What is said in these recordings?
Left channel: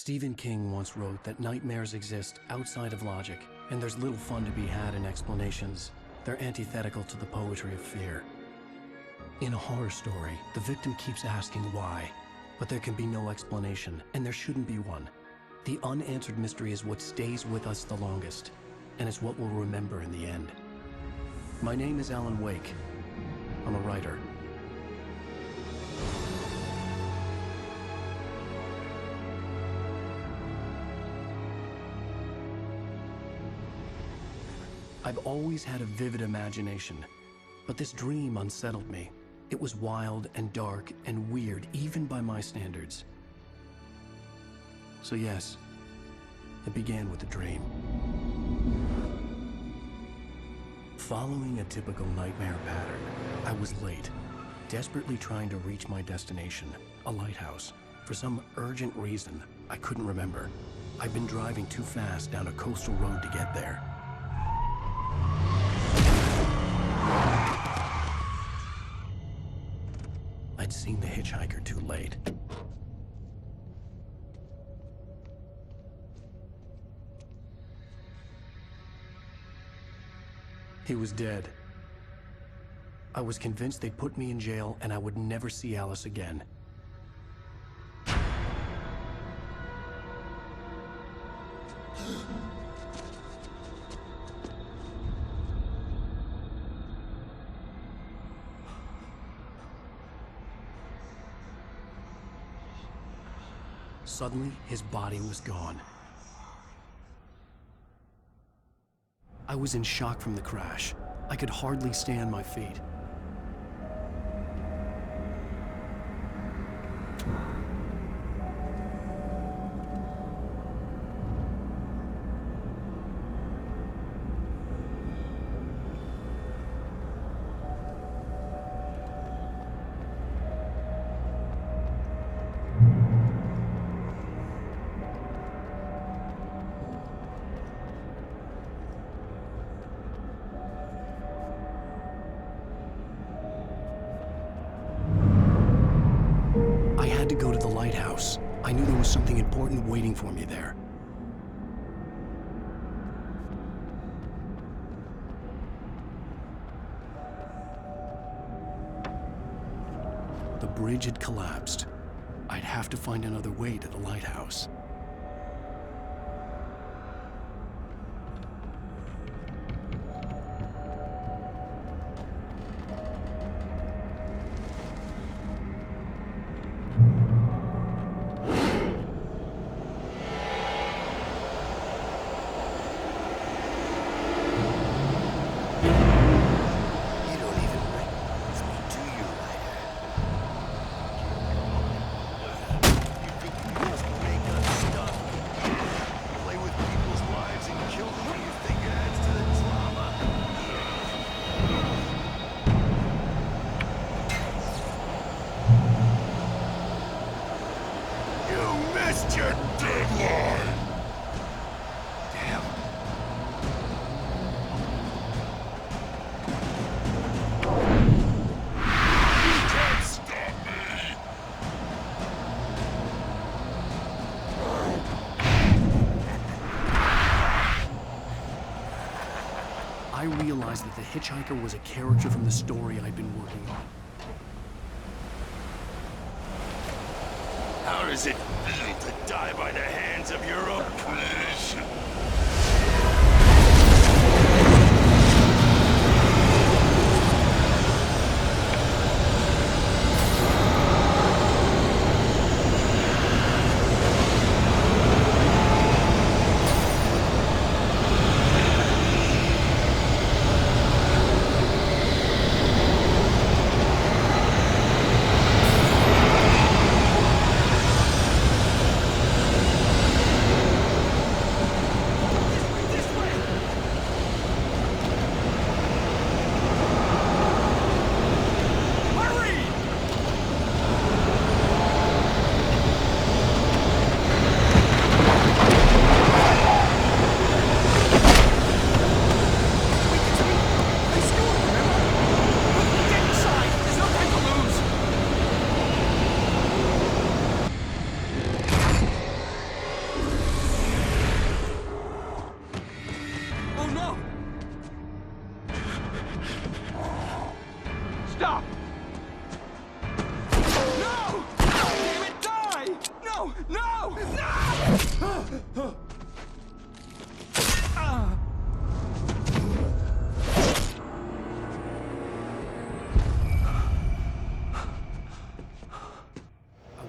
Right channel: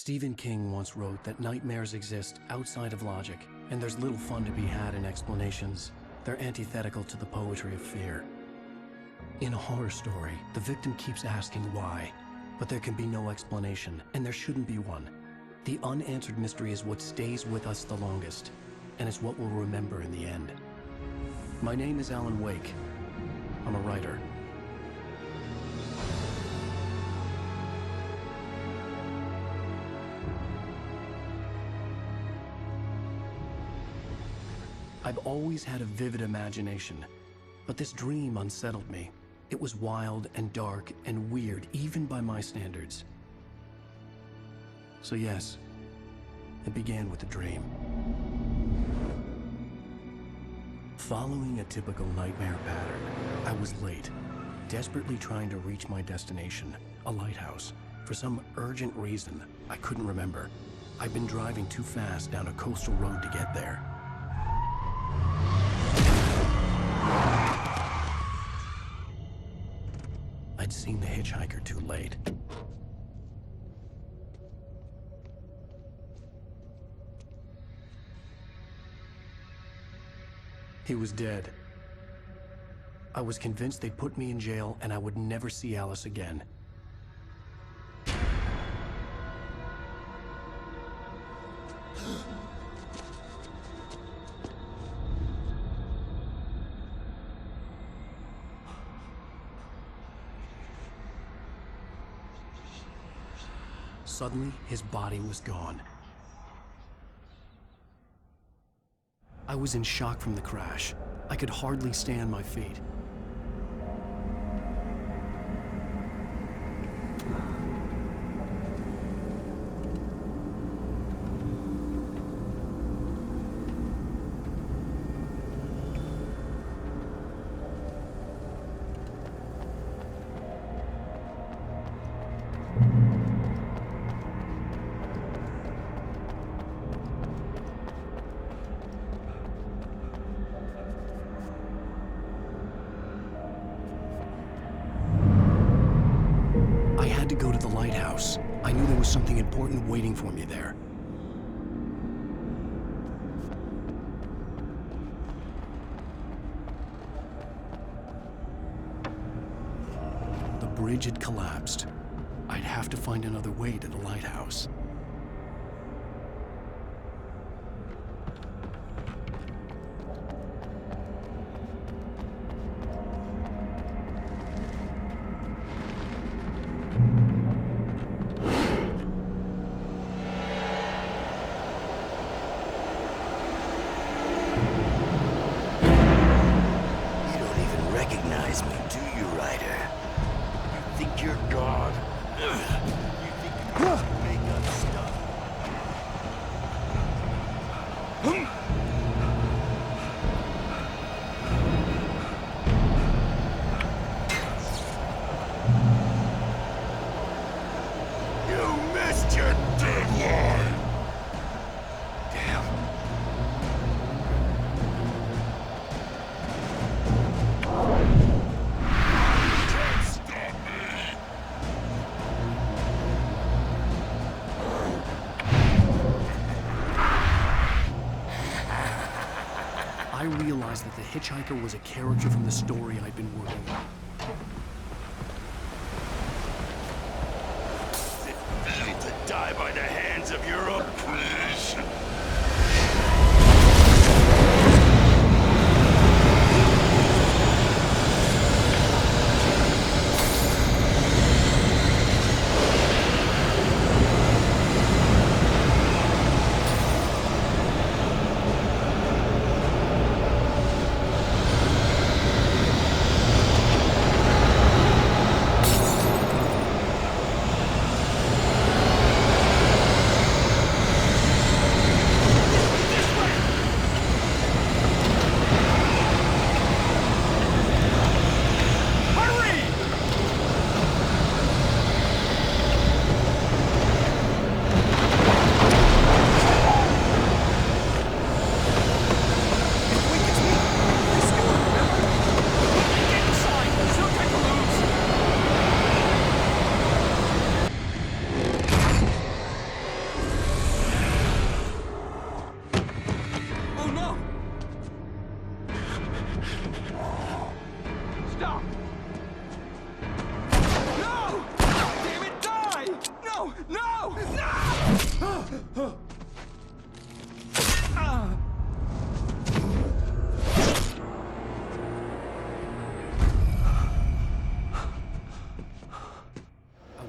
Stephen King once wrote that nightmares exist outside of logic, and there's little fun to be had in explanations. They're antithetical to the poetry of fear. In a horror story, the victim keeps asking why, but there can be no explanation, and there shouldn't be one. The unanswered mystery is what stays with us the longest, and it's what we'll remember in the end. My name is Alan Wake. I'm a writer. I've always had a vivid imagination, but this dream unsettled me. It was wild and dark and weird, even by my standards. So yes, it began with a dream. Following a typical nightmare pattern, I was late, desperately trying to reach my destination, a lighthouse. For some urgent reason, I couldn't remember. I'd been driving too fast down a coastal road to get there. I'd seen the hitchhiker too late. He was dead. I was convinced they'd put me in jail and I would never see Alice again. Suddenly, his body was gone. I was in shock from the crash. I could hardly stay on my feet. To go to the lighthouse. I knew there was something important waiting for me there. The bridge had collapsed. I'd have to find another way to the lighthouse. Your deadline! Damn. You can't stop me! I realized that the hitchhiker was a character from the story I'd been working on. How does it feel to die by the hands of your oppression?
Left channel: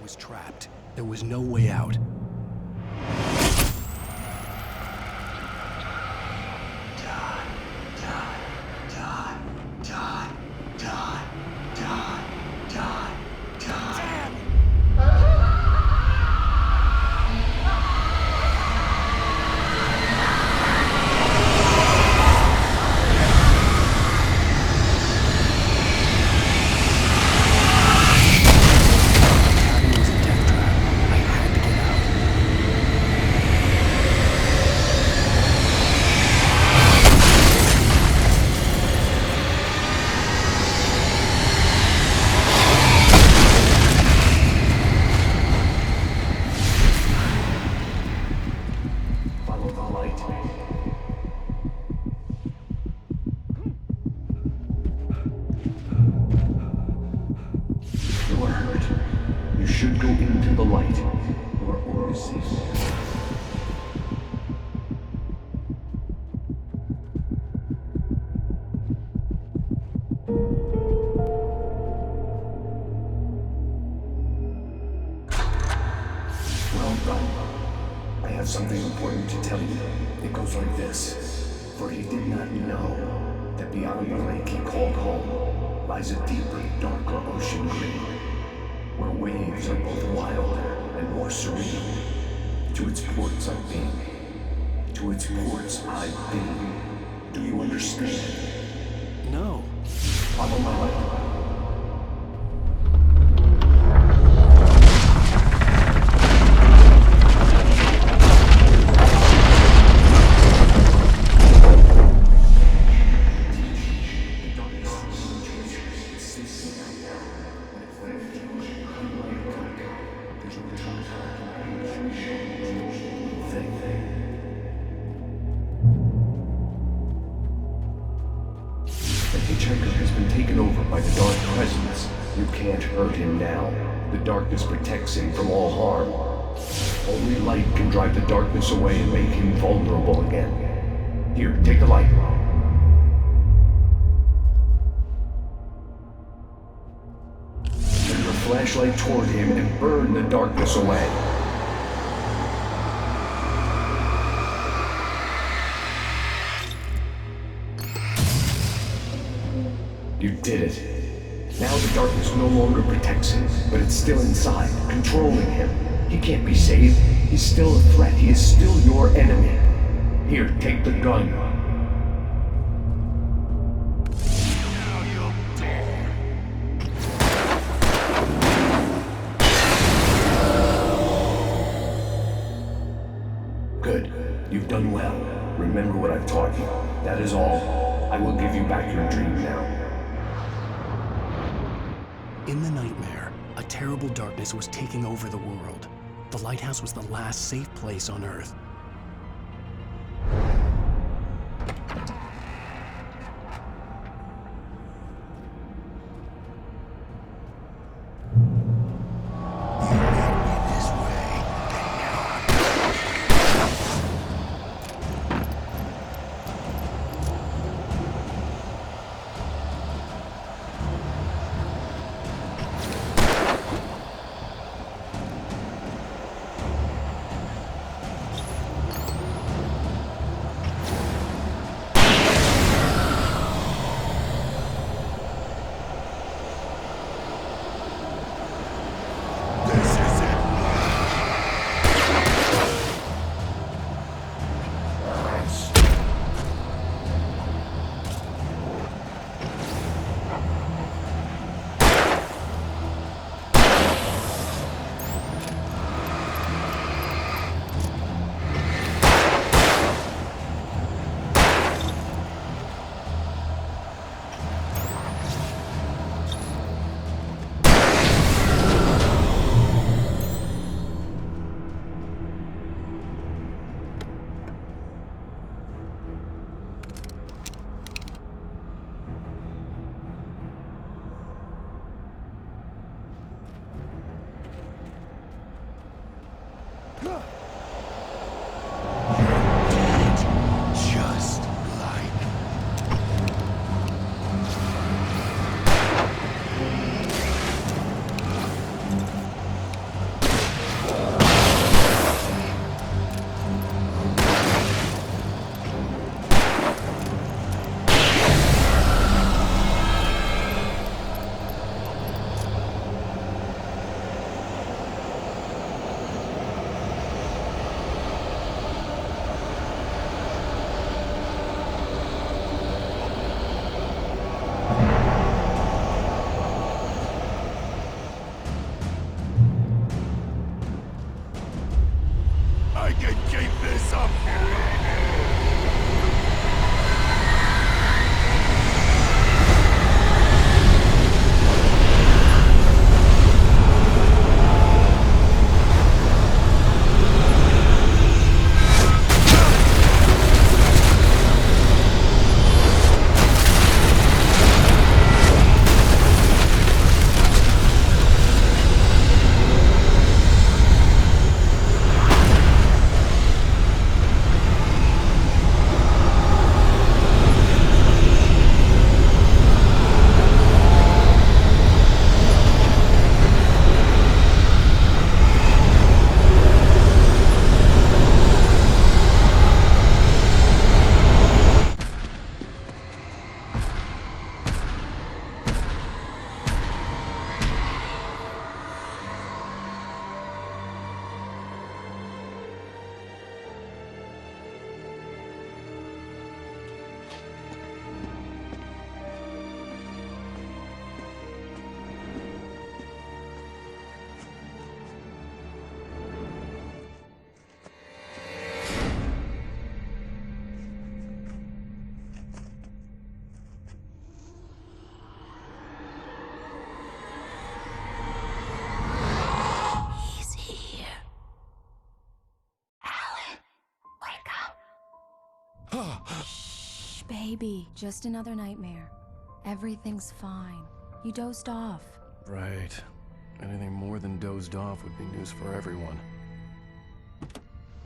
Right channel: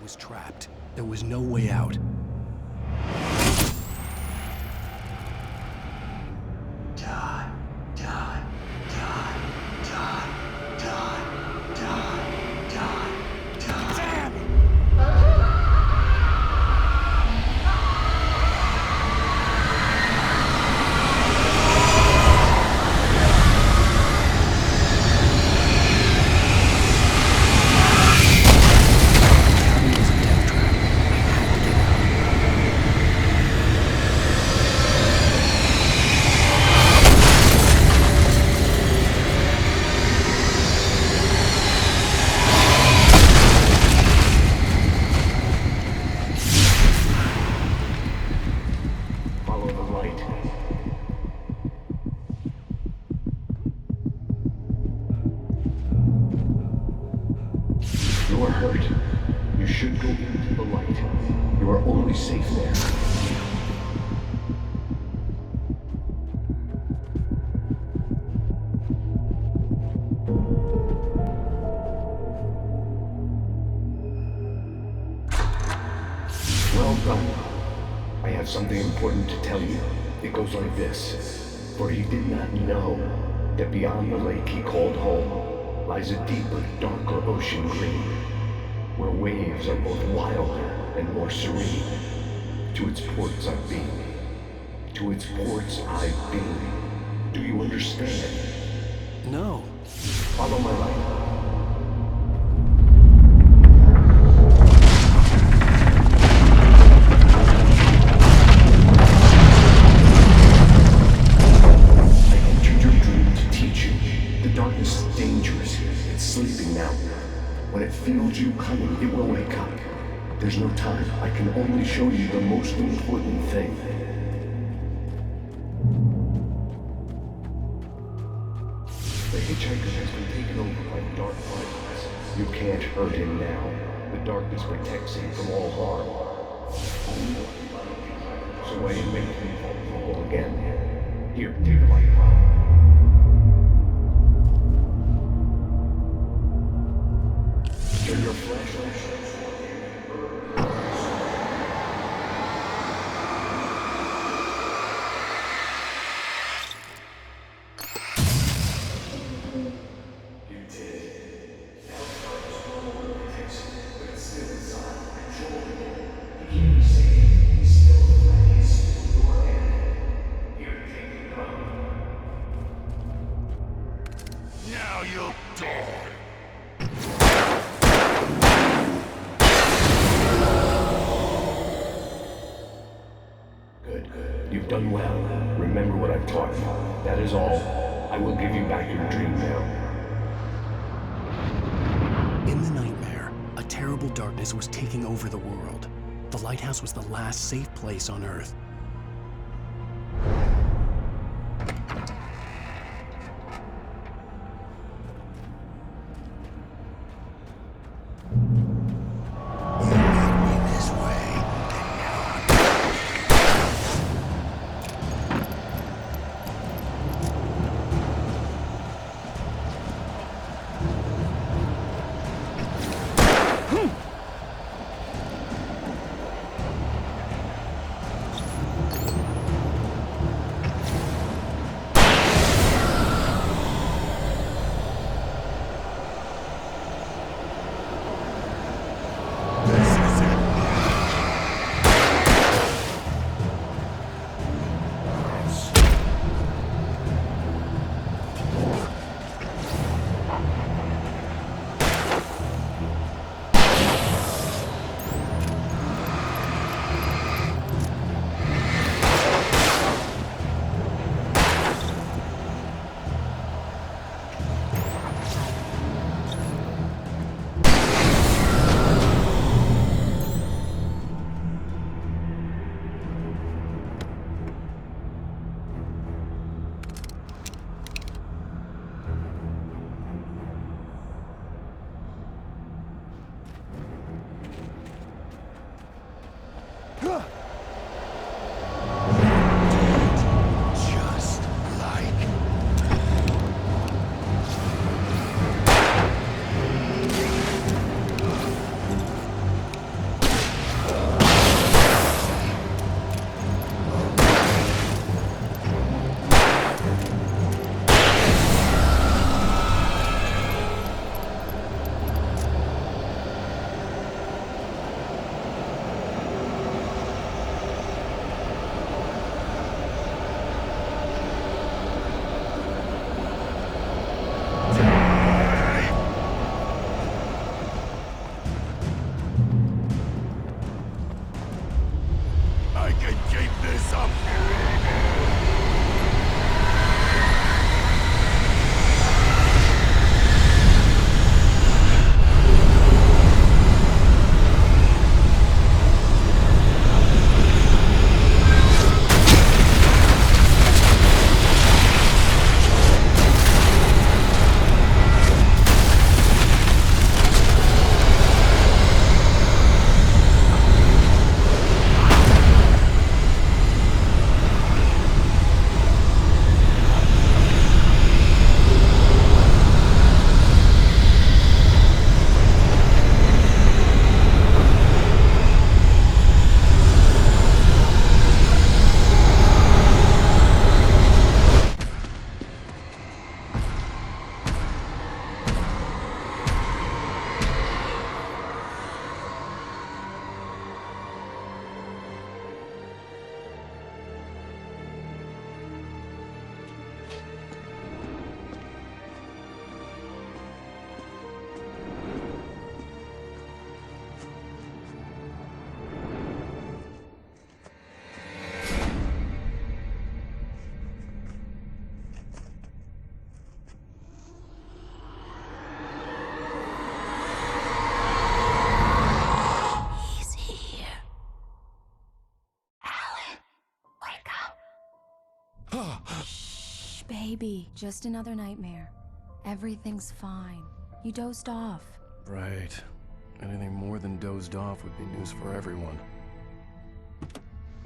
was trapped. There was no way out. Die, die, die, die, die, die, die, die. Damn! The cabin was a death trap. I had to get out. Follow the light. You are hurt. You should go into the light. You are only safe there. Well done. I have something important to tell you. It goes like this. For he did not know that beyond the lake he called home lies a deeper, darker ocean green, where waves are both wilder and more serene. To its ports I've been. To its ports I've been. Do you understand? No. Follow my light. When it feels you coming, it will wake up. There's no time. I can only show you the most important thing. The hitchhiker has been taken over by the dark presence. You can't hurt him now. The darkness protects him from all harm. Only light can drive the darkness away and make him vulnerable again. Here, take the light. Turn your flashlight toward him and burn the darkness away. You did it. Now the darkness no longer protects him, but it's still inside, controlling him. He can't be saved. He's still a threat. He is still your enemy. Here, take the gun. Now you'll die. Good. You've done well. Remember what I've taught you. That is all. I will give you back your dream now. In the nightmare, a terrible darkness was taking over the world. The lighthouse was the last safe place on Earth. You made me this way, and now I'm This is it. I can keep this up forever! He's here. Alan, wake up. Shh, baby. Just another nightmare. Everything's fine. You dozed off. Right. Anything more than dozed off would be news for everyone.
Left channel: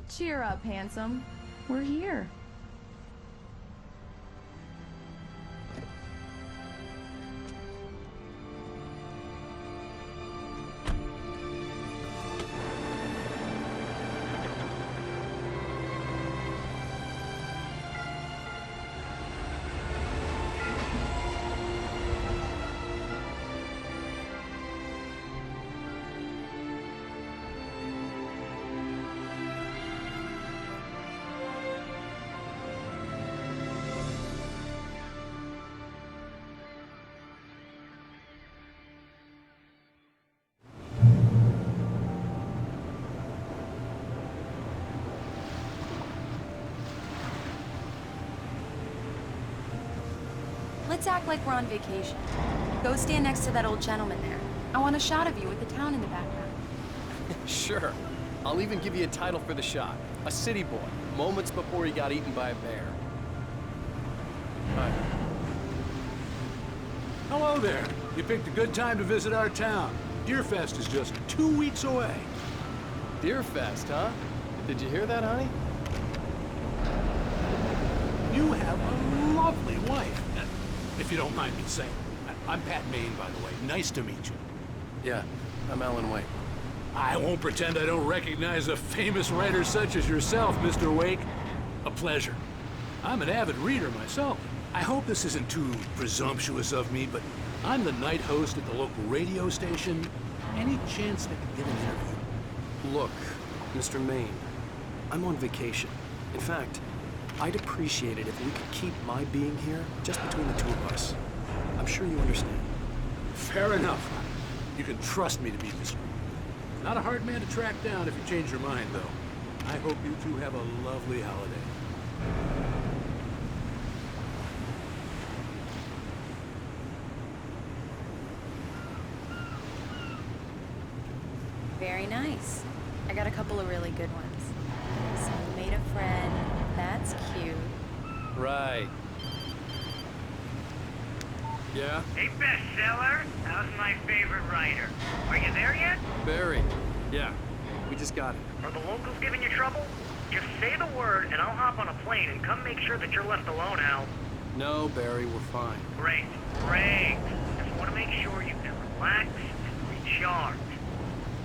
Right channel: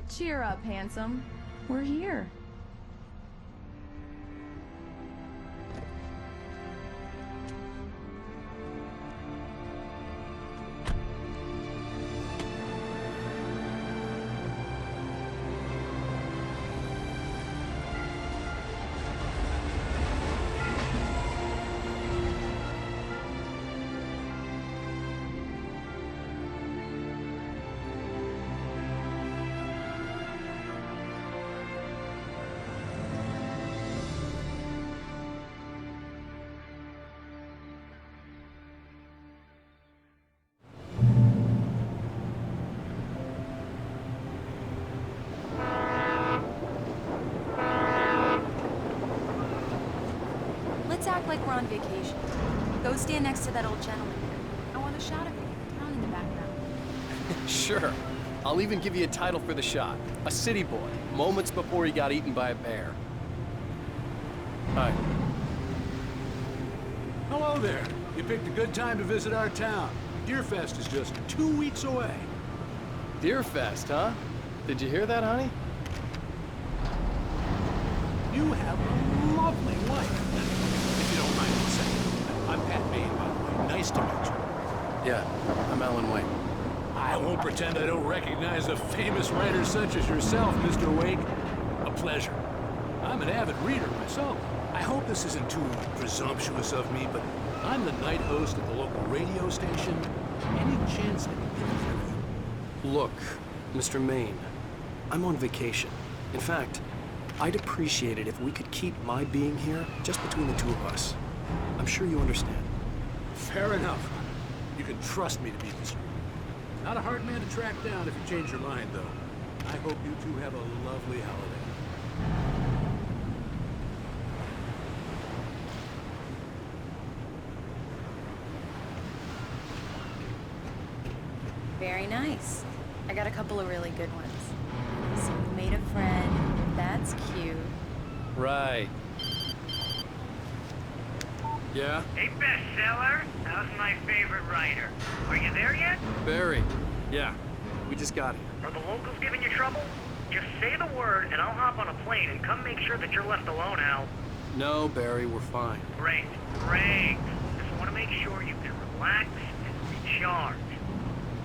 Cheer up, handsome. We're here. Let's act like we're on vacation. Go stand next to that old gentleman there. I want a shot of you with the town in the background. Sure. I'll even give you a title for the shot. A city boy, moments before he got eaten by a bear. Hi. Hello there. You picked a good time to visit our town. Deerfest is just 2 weeks away. Deerfest, huh? Did you hear that, honey? You have a lovely wife. If you don't mind me saying. I'm Pat Maine, by the way. Nice to meet you. Yeah, I'm Alan Wake. I won't pretend I don't recognize a famous writer such as yourself, Mr. Wake. A pleasure. I'm an avid reader myself. I hope this isn't too presumptuous of me, but I'm the night host at the local radio station. Any chance I could get an interview? Look, Mr. Maine, I'm on vacation. In fact, I'd appreciate it if we could keep my being here just between the two of us. I'm sure you understand. Fair enough. You can trust me to be discreet. Not a hard man to track down if you change your mind, though. I hope you two have a lovely holiday. Very nice. I got a couple of really good ones. So you made a friend. That's cute. Right. Yeah? Hey, bestseller, how's my favorite writer? Are you there yet? Barry. Yeah, we just got it. Are the locals giving you trouble? Just say the word and I'll hop on a plane and come make sure that you're left alone, Al. No, Barry, we're fine. Great, great. Just want to make sure you can relax and recharge.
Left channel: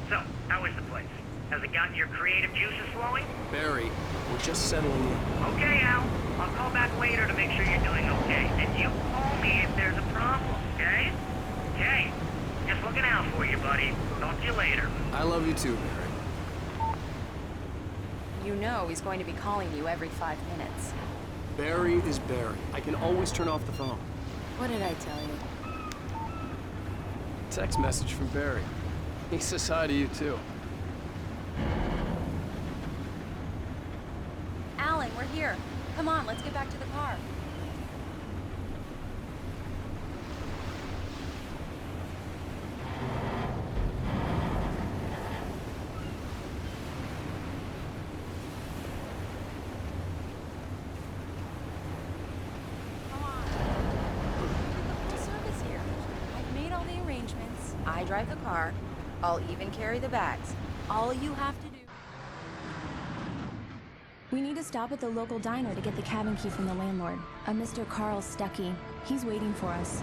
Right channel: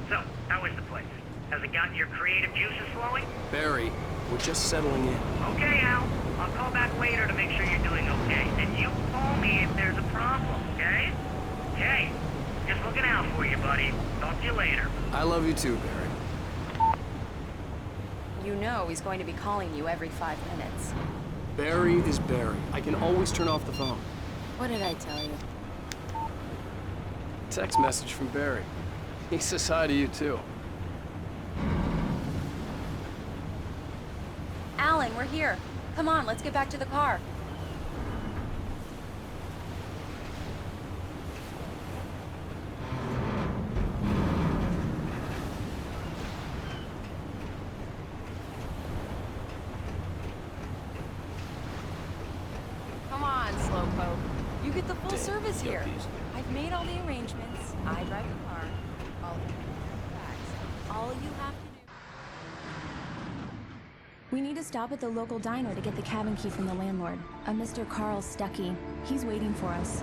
So, how is the place? Has it gotten your creative juices flowing? Barry, we're just settling in. Okay, Al. I'll call back later to make sure you're doing okay. And you call me if there's a problem, okay? Okay. Just looking out for you, buddy. Talk to you later. I love you too, Barry. You know he's going to be calling you every 5 minutes. Barry is Barry. I can always turn off the phone. What did I tell you? Text message from Barry. He says hi to you too. Alan, we're here. Come on, let's get back to the car. Come on, Slowpoke. You get the full service here. I've made all the arrangements. I drive the car. I'll even carry the bags. All you have to do... We need to stop at the local diner to get the cabin key from the landlord, a Mr. Carl Stuckey. He's waiting for us.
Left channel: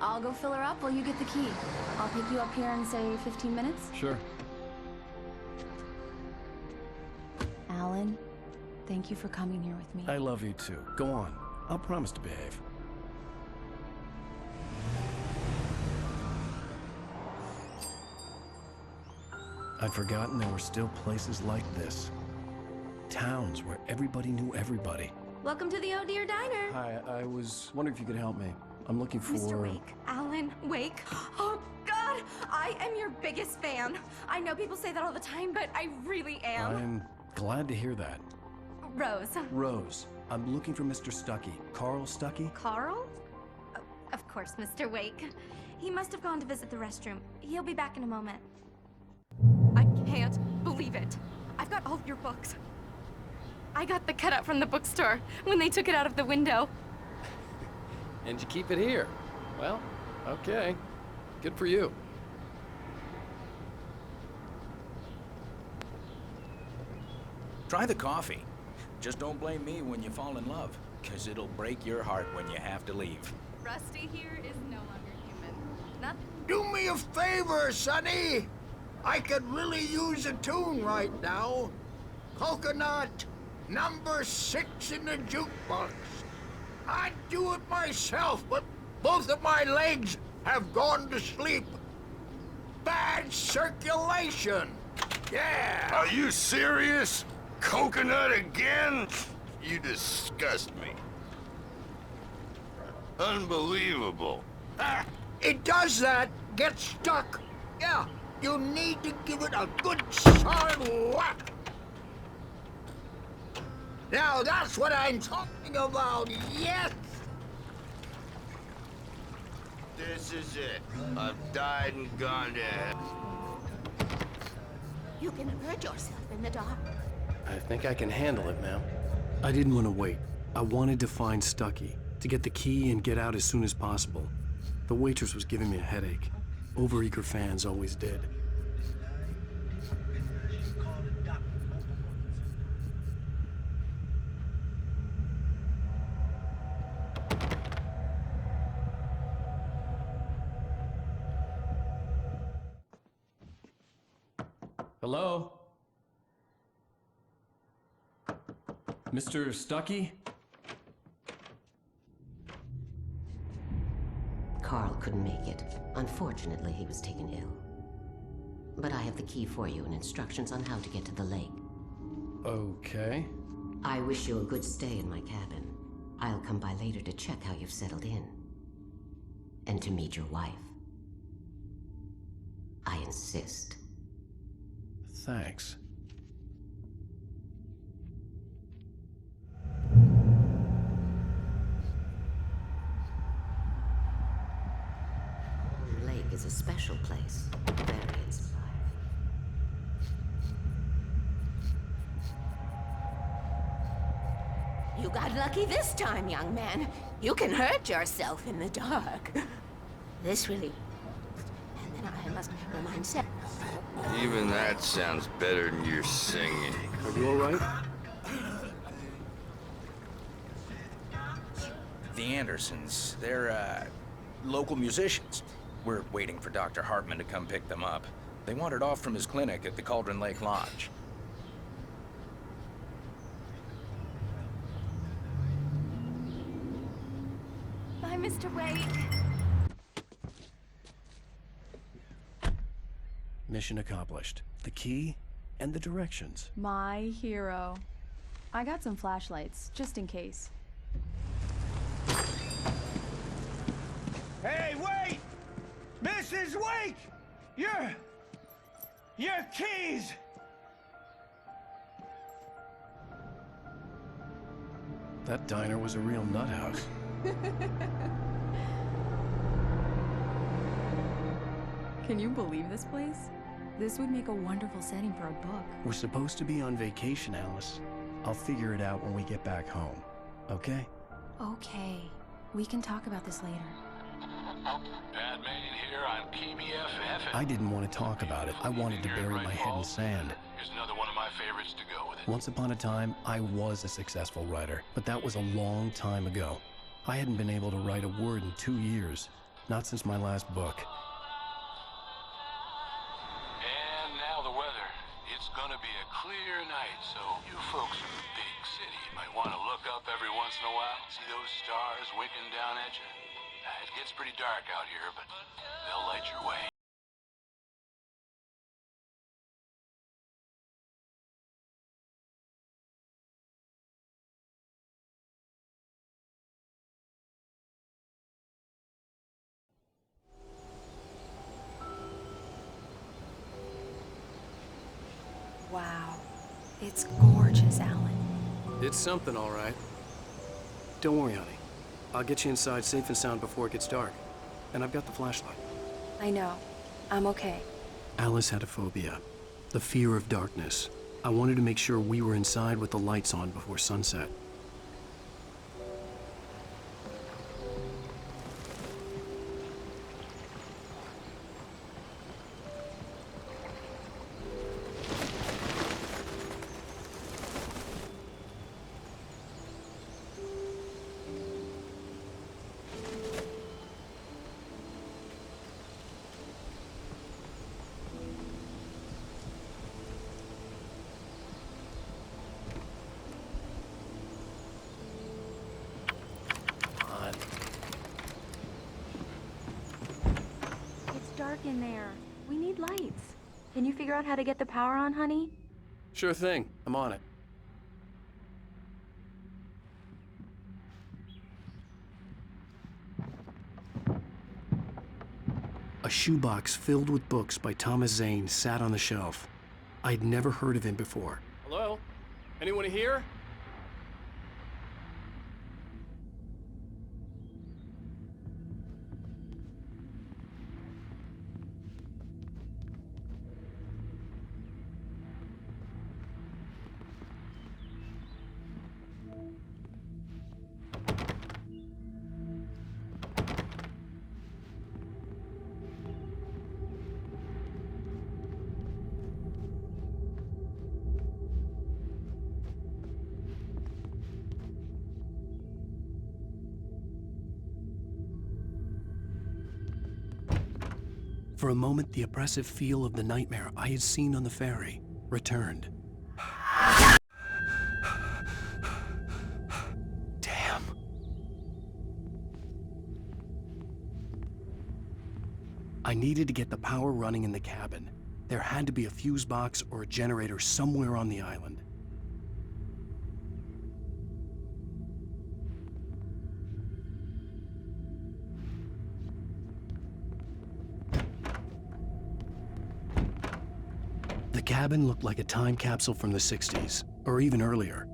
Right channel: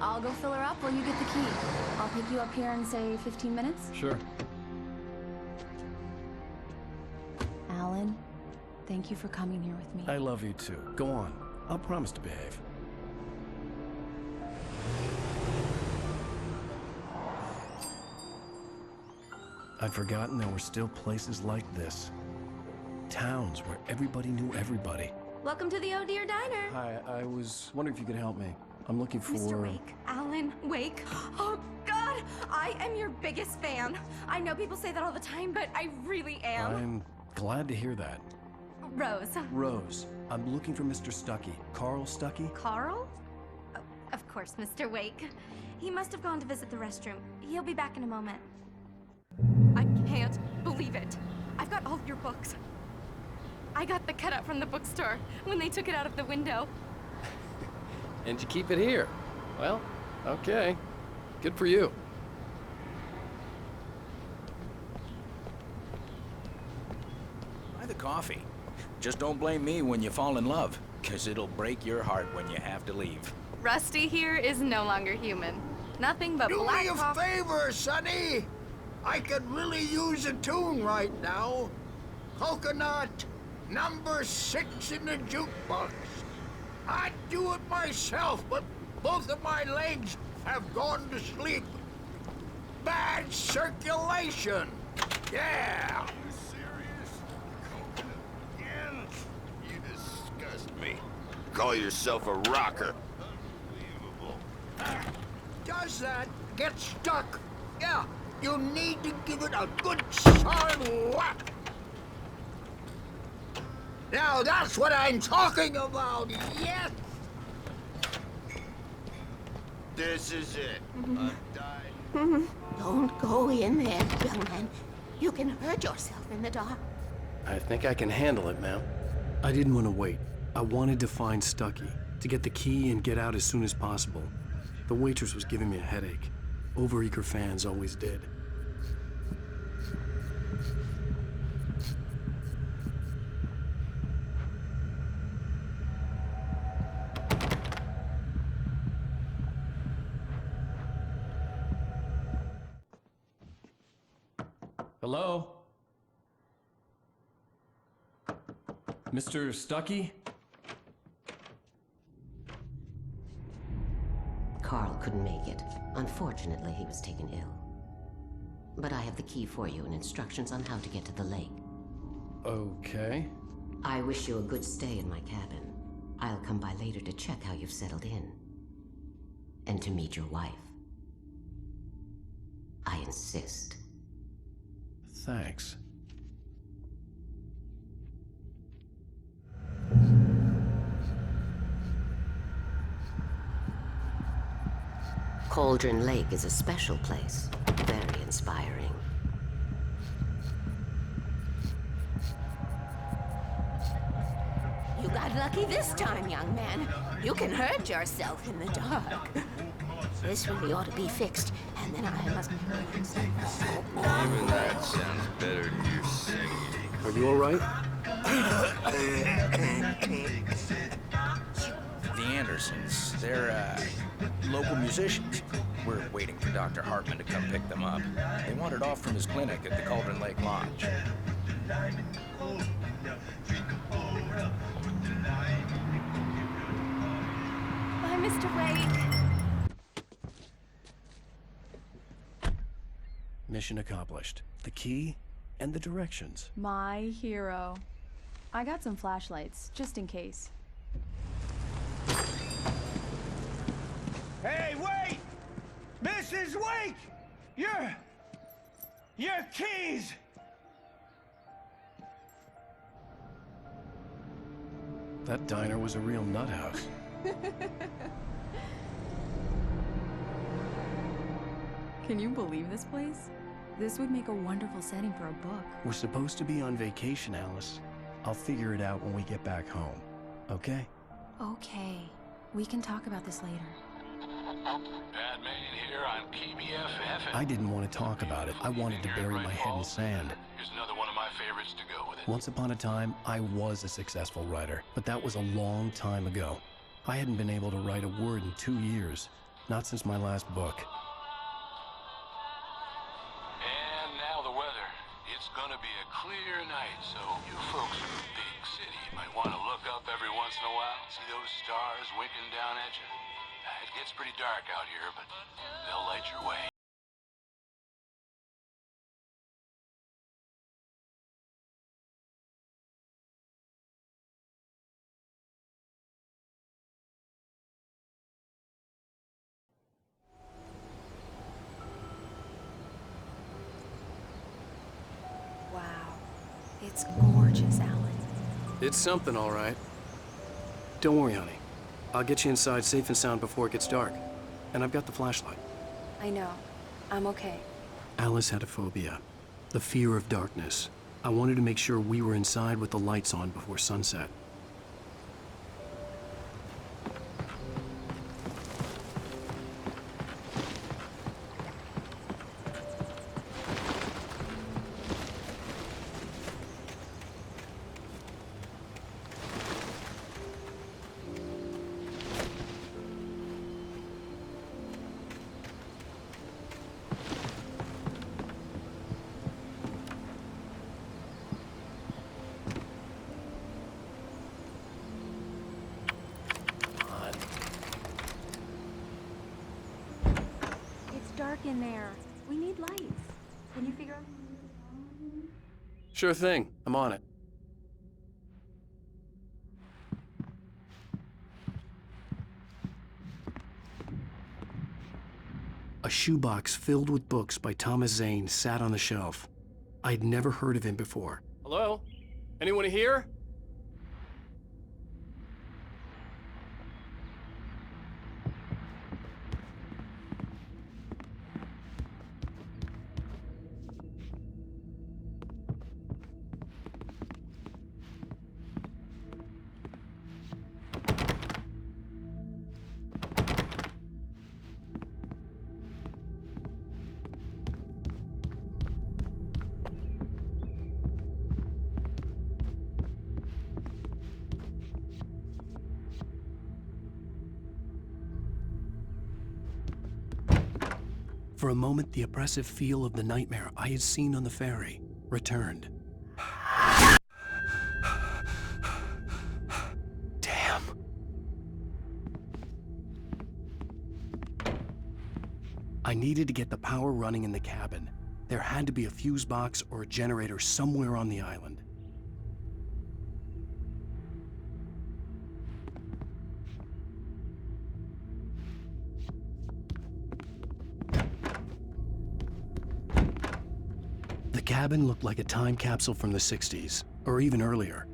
I'll go fill her up while you get the key. I'll pick you up here in, say, 15 minutes? Sure. Alan, thank you for coming here with me. I love you too. Go on. I'll promise to behave. I'd forgotten there were still places like this. Towns where everybody knew everybody. Welcome to the Oh Dear Diner. Hi, I was wondering if you could help me. I'm looking for... Mr. Wake. Alan Wake. Oh, God! I am your biggest fan. I know people say that all the time, but I really am. I'm glad to hear that. Rose. Rose, I'm looking for Mr. Stuckey. Carl Stuckey? Carl? Oh, of course, Mr. Wake. He must have gone to visit the restroom. He'll be back in a moment. I can't believe it. I've got all of your books. I got the cutout from the bookstore when they took it out of the window. And you keep it here. Well, okay. Good for you. Try the coffee. Just don't blame me when you fall in love, 'cause it'll break your heart when you have to leave. Rusty here is no longer human. Nothing but Do black me a coffee. favor, Sonny. I could really use a tune right now. Coconut, number 6 in the jukebox. I'd do it myself, but both of my legs have gone to sleep. Bad circulation. Yeah. Are you serious? Coconut again? You disgust me. Call yourself a rocker. Unbelievable. Ah, it does that. Get stuck. Yeah, you need to give it a good solid whack. Now that's what I'm talking about, yes! This is it. I've died and gone to hell. Don't go in there, young man. You can hurt yourself in the dark. I think I can handle it, ma'am. I didn't want to wait. I wanted to find Stuckey, to get the key and get out as soon as possible. The waitress was giving me a headache. Overeager fans always did. Hello? Mr. Stuckey? Carl couldn't make it. Unfortunately, he was taken ill. But I have the key for you and instructions on how to get to the lake. Okay. I wish you a good stay in my cabin. I'll come by later to check how you've settled in. And to meet your wife. I insist. Thanks. Cauldron Lake is a special place. Very inspiring. You got lucky this time, young man. You can hurt yourself in the dark. This really ought to be fixed, and then I must remind Seth. Even that sounds better than your singing. Are you all right? The Andersons, they're, local musicians. We're waiting for Dr. Hartman to come pick them up. They wandered off from his clinic at the Cauldron Lake Lodge. Bye, Mr. Wake. Mission accomplished. The key and the directions. My hero. I got some flashlights, just in case. Hey, wait! Mrs. Wake! Your keys! That diner was a real nut house. Can you believe this place? This would make a wonderful setting for a book. We're supposed to be on vacation, Alice. I'll figure it out when we get back home, okay? Okay. We can talk about this later. Pat Main here on KBFF. I didn't want to talk about it. I wanted to bury my head in sand. Here's another one of my favorites to go with it. Once upon a time, I was a successful writer, but that was a long time ago. I hadn't been able to write a word in 2 years, not since my last book. And now the weather. It's gonna be a clear night, so you folks in the big city might want to look up every once in a while, see those stars winking down at you. It gets pretty dark out here, but they'll light your way. Wow. It's gorgeous, Alan. It's something, all right. Don't worry, honey. I'll get you inside safe and sound before it gets dark. And I've got the flashlight. I know. I'm okay. Alice had a phobia, the fear of darkness. I wanted to make sure we were inside with the lights on before sunset. It's dark in there. We need lights. Can you figure out how to get the power on, honey? Sure thing. I'm on it. A shoebox filled with books by Thomas Zane sat on the shelf. I'd never heard of him before. Hello? Anyone here? For a moment, the oppressive feel of the nightmare I had seen on the ferry returned. Damn. I needed to get the power running in the cabin. There had to be a fuse box or a generator somewhere on the island. The cabin looked like a time capsule from the 60s, or even earlier.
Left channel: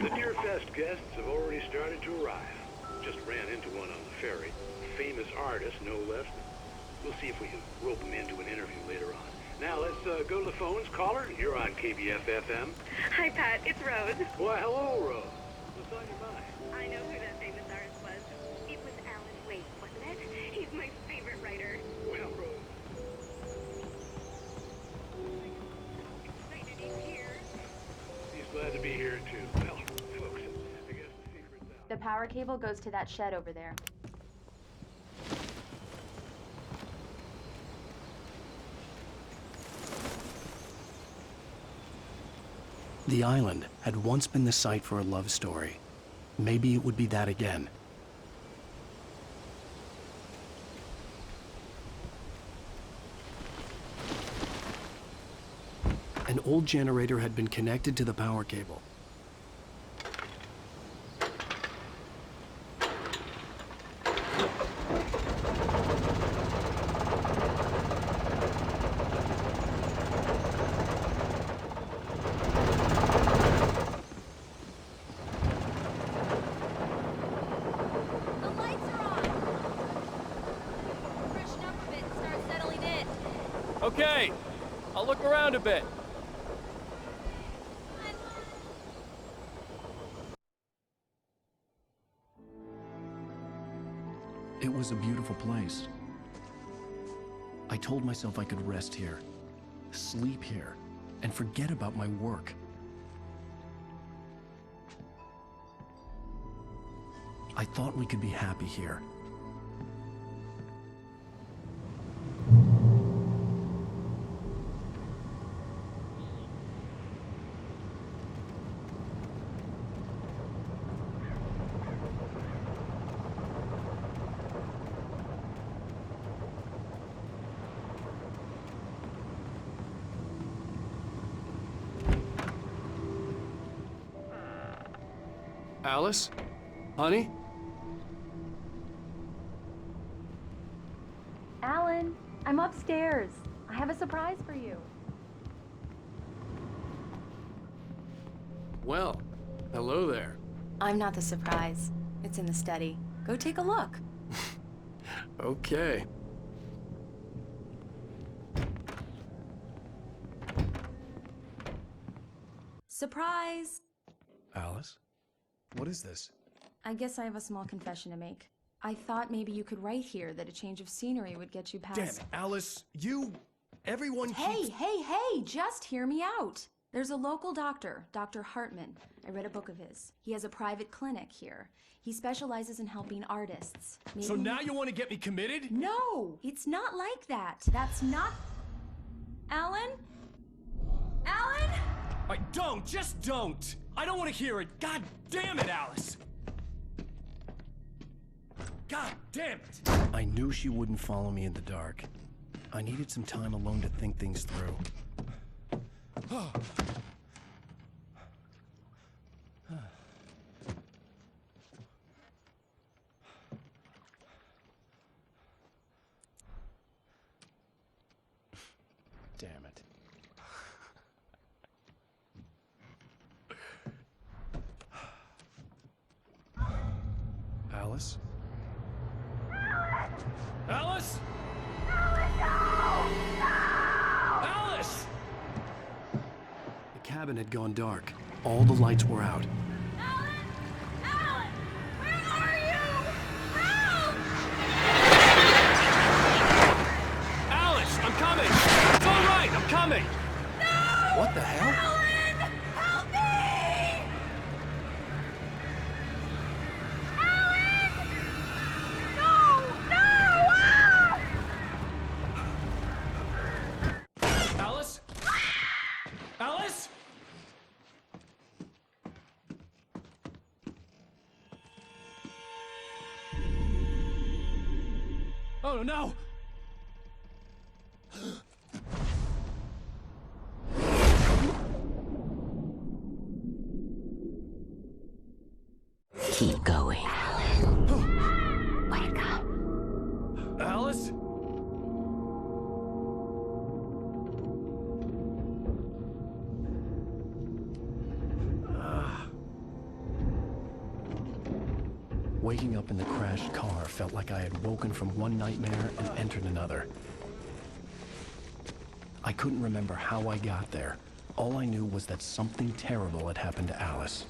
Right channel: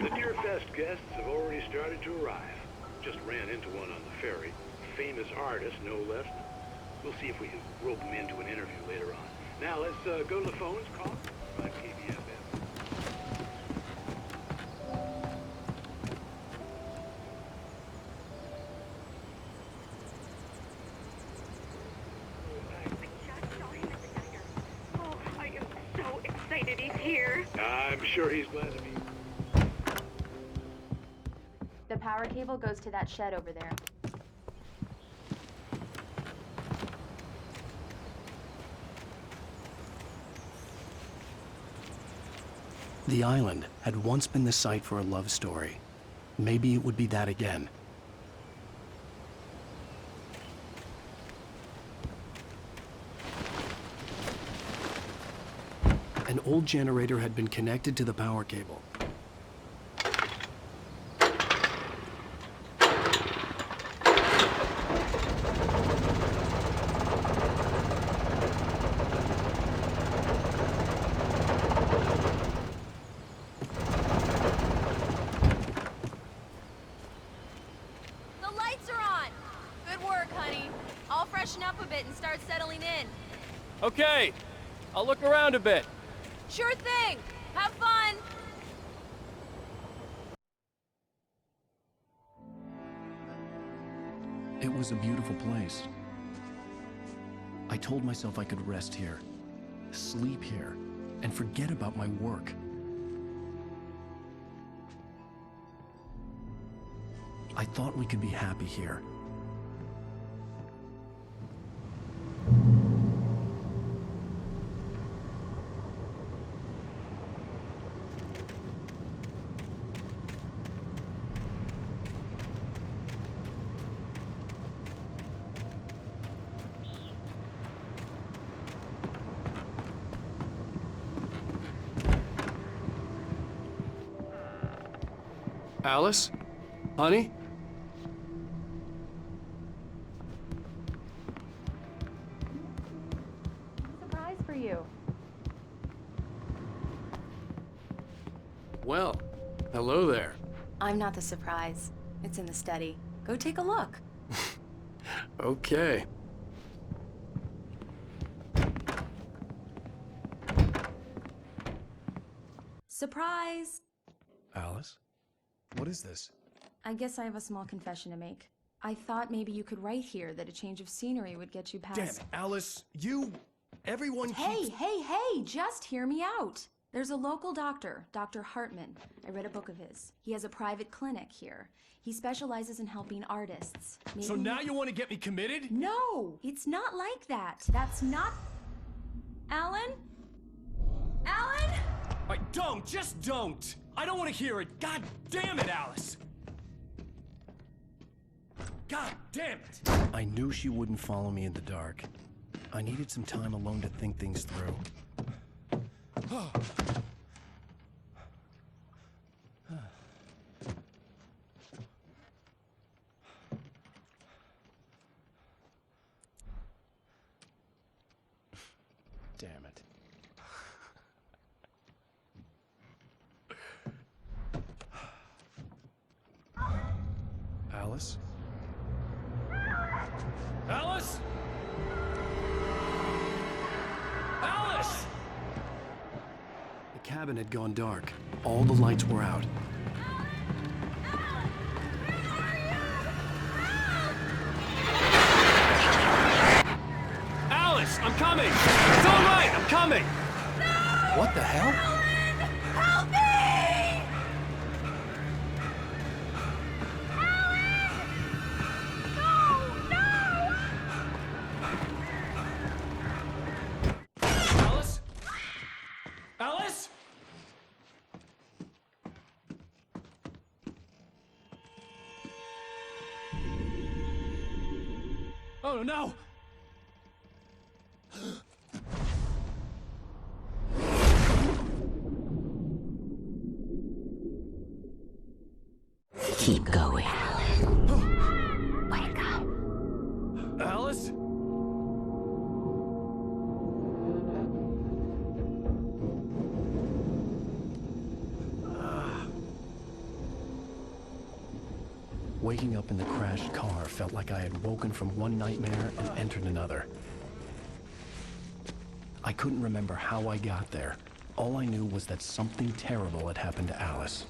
The Deerfest guests have already started to arrive. Just ran into one on the ferry. A famous artist, no less. We'll see if we can rope him into an interview later on. Now let's go to the phones. Caller, you're on KBF-FM. Hi, Pat. It's Rose. Why, hello, Rose. I know who that famous artist was. It was Alan Wake, wasn't it? He's my favorite writer. Well, Rose, I just saw him at the diner. Oh, I am so excited he's here. I'm sure he's glad to be here, too. The power cable goes to that shed over there. The island had once been the site for a love story. Maybe it would be that again. An old generator had been connected to the power cable. The lights are on! Good work, honey. I'll freshen up a bit and start settling in. Okay, I'll look around a bit. Sure thing! Have fun! It was a beautiful place. I told myself I could rest here, sleep here, and forget about my work. I thought we could be happy here. Alice? Honey? Alan, I'm upstairs. I have a surprise for you. Well, hello there. I'm not the surprise. It's in the study. Go take a look. Okay. Surprise! Alice? What is this? I guess I have a small confession to make. I thought maybe you could write here that a change of scenery would get you past... Damn it, Alice, everyone Hey, keeps... hey, just hear me out. There's a local doctor, Dr. Hartman. I read a book of his. He has a private clinic here. He specializes in helping artists. So now you want to get me committed? No, it's not like that. That's not... Alan? Alan? Just don't! I don't want to hear it! God damn it, Alice! God damn it! I knew she wouldn't follow me in the dark. I needed some time alone to think things through. Damn it. Alice? Alice? Alice! The cabin had gone dark. All the lights were out. Alan! Where are you? Help! Alice, I'm coming! It's all right, I'm coming! No! What the hell? Alan! Help me! Alan! No! No! Ah! Alice? Alice? Oh no! Keep going, Alan. Wake up. Alice? Waking up in the crashed car felt like I had woken from one nightmare and entered another. I couldn't remember how I got there. All I knew was that something terrible had happened to Alice.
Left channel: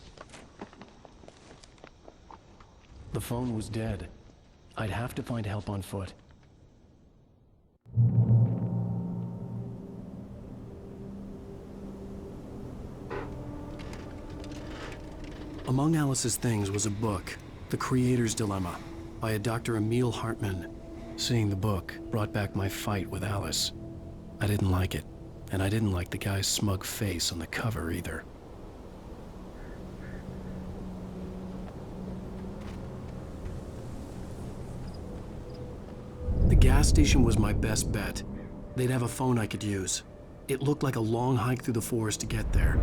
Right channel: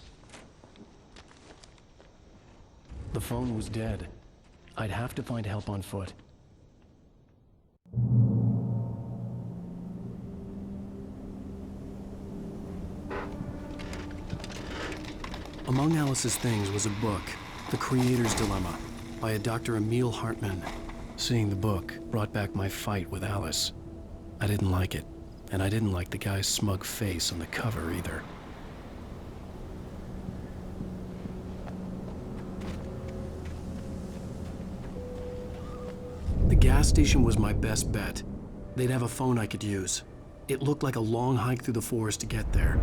The phone was dead. I'd have to find help on foot. Among Alice's things was a book, The Creator's Dilemma, by a Dr. Emil Hartman. Seeing the book brought back my fight with Alice. I didn't like it, and I didn't like the guy's smug face on the cover either. gas station was my best bet. They'd have a phone I could use. It looked like a long hike through the forest to get there.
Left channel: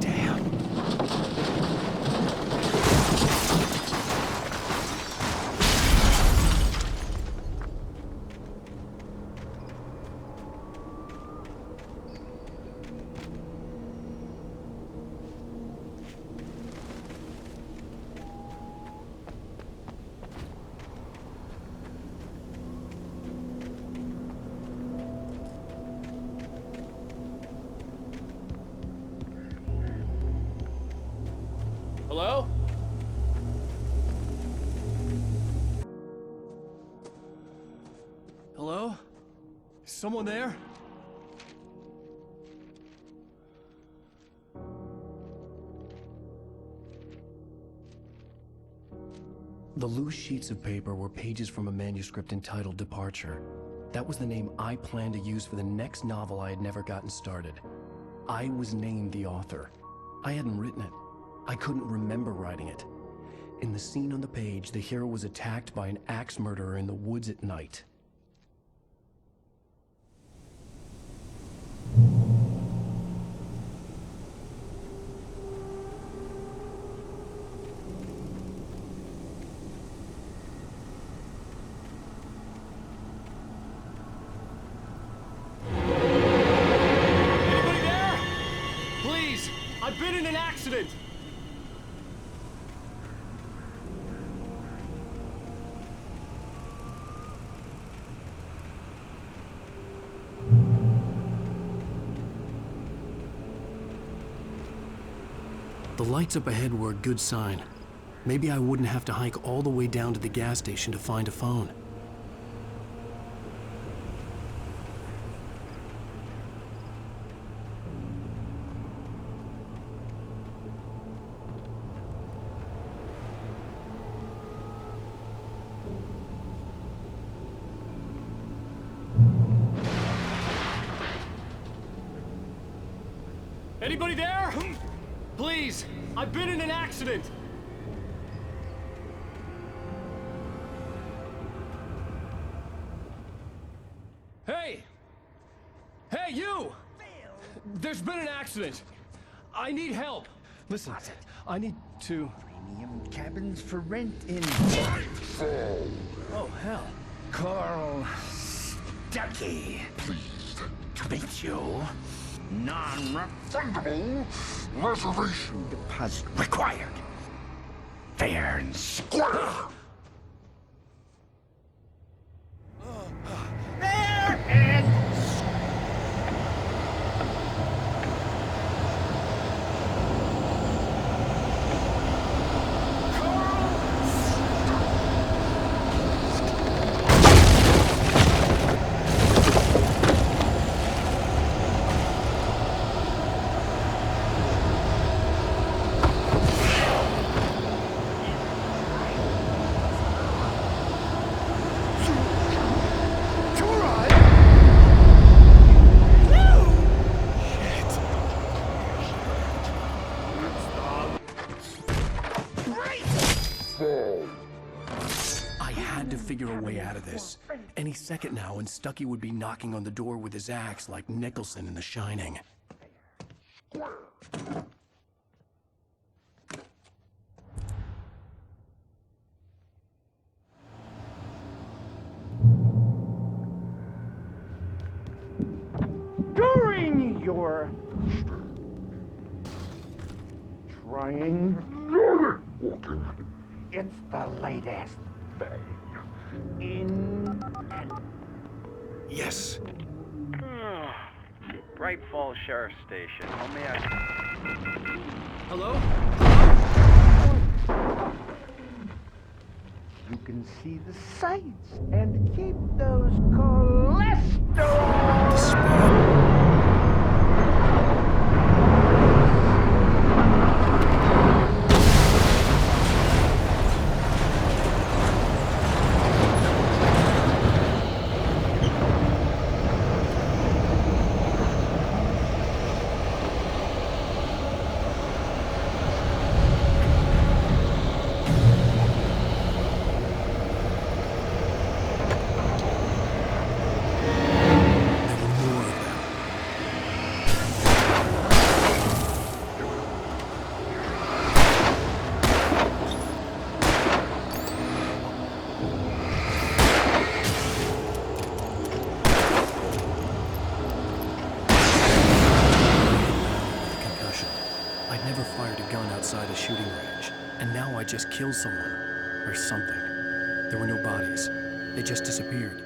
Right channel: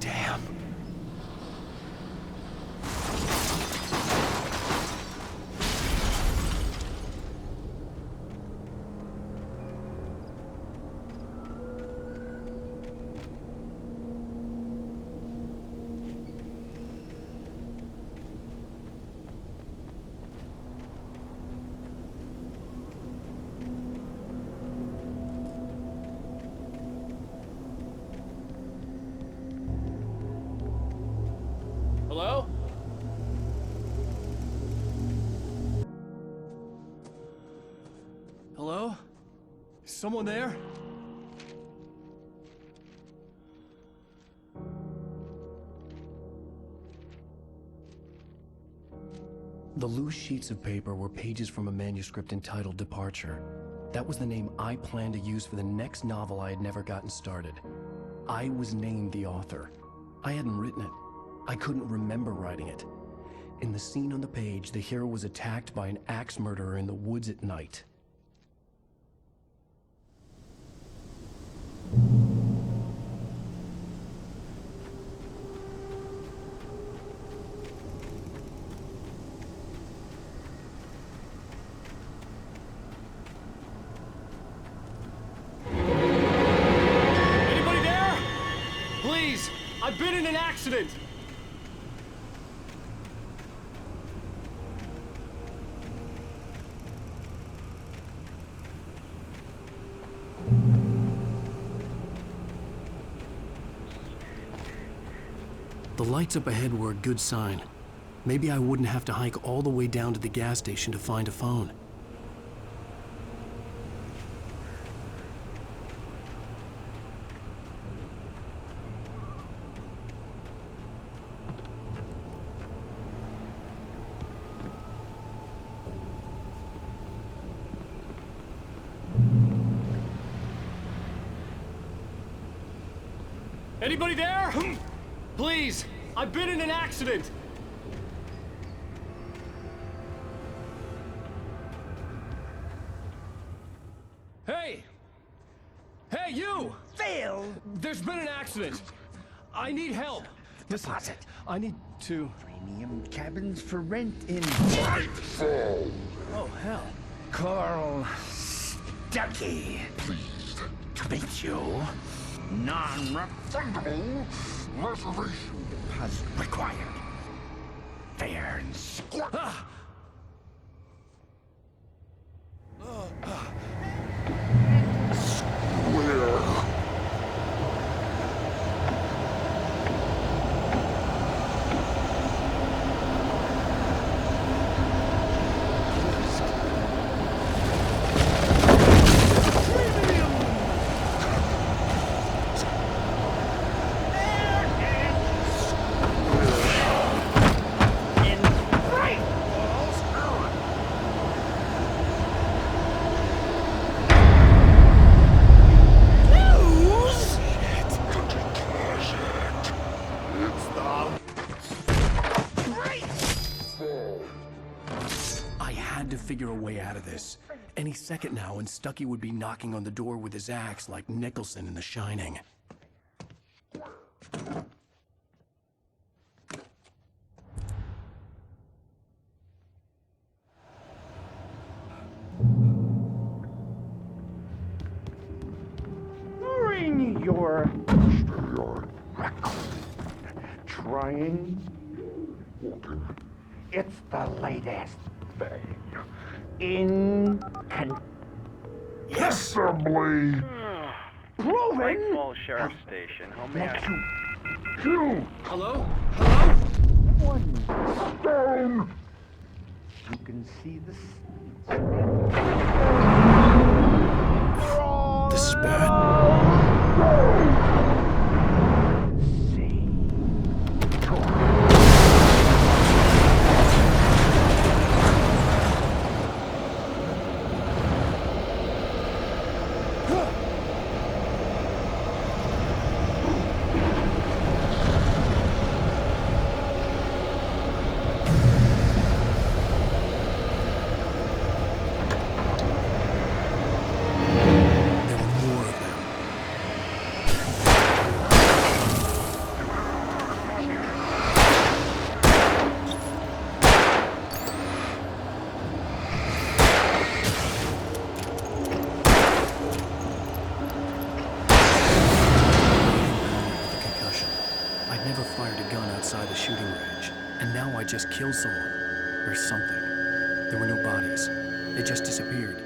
Damn. Hello? Hello? Is someone there? The loose sheets of paper were pages from a manuscript entitled Departure. That was the name I planned to use for the next novel I had never gotten started. I was named the author. I hadn't written it. I couldn't remember writing it. In the scene on the page, the hero was attacked by an axe murderer in the woods at night. Anybody there? Please, I've been in an accident. The lights up ahead were a good sign. Maybe I wouldn't have to hike all the way down to the gas station to find a phone. Anybody there? Please, I've been in an accident. Hey! Hey, you! Phil! There's been an accident. I need help. Listen, I need to... Premium cabins for rent in... Nightfall! Oh, hell. Carl Stuckey. Pleased To meet you. Non-refundable reservation deposit required. Fair and square. Fair and square. I had to figure a way out of this. Any second now, and Stuckey would be knocking on the door with his axe like Nicholson in The Shining. During your trying, it's the latest thing in Yes! Assembly! Great Falls Sheriff Station. How may I... Hello? Down. You can see the sights and keep those cholesterol. Despair. outside a shooting range, and now I just killed someone. Or something. There were no bodies. They just disappeared.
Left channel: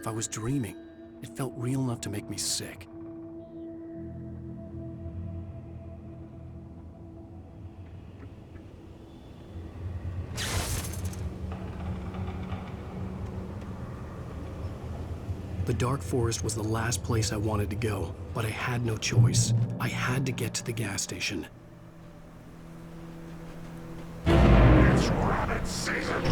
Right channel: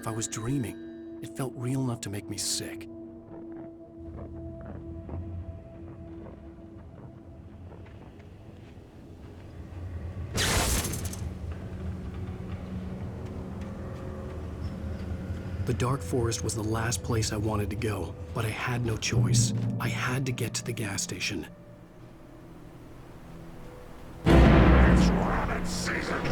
If I was dreaming, it felt real enough to make me sick. The dark forest was the last place I wanted to go, but I had no choice. I had to get to the gas station. It's rabbit season!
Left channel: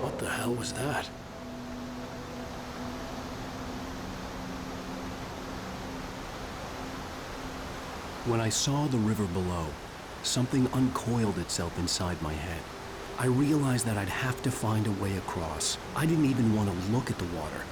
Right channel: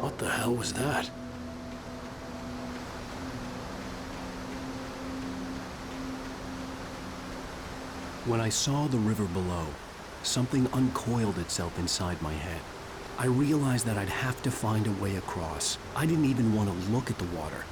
What the hell was that? When I saw the river below, something uncoiled itself inside my head. I realized that I'd have to find a way across. I didn't even want to look at the water.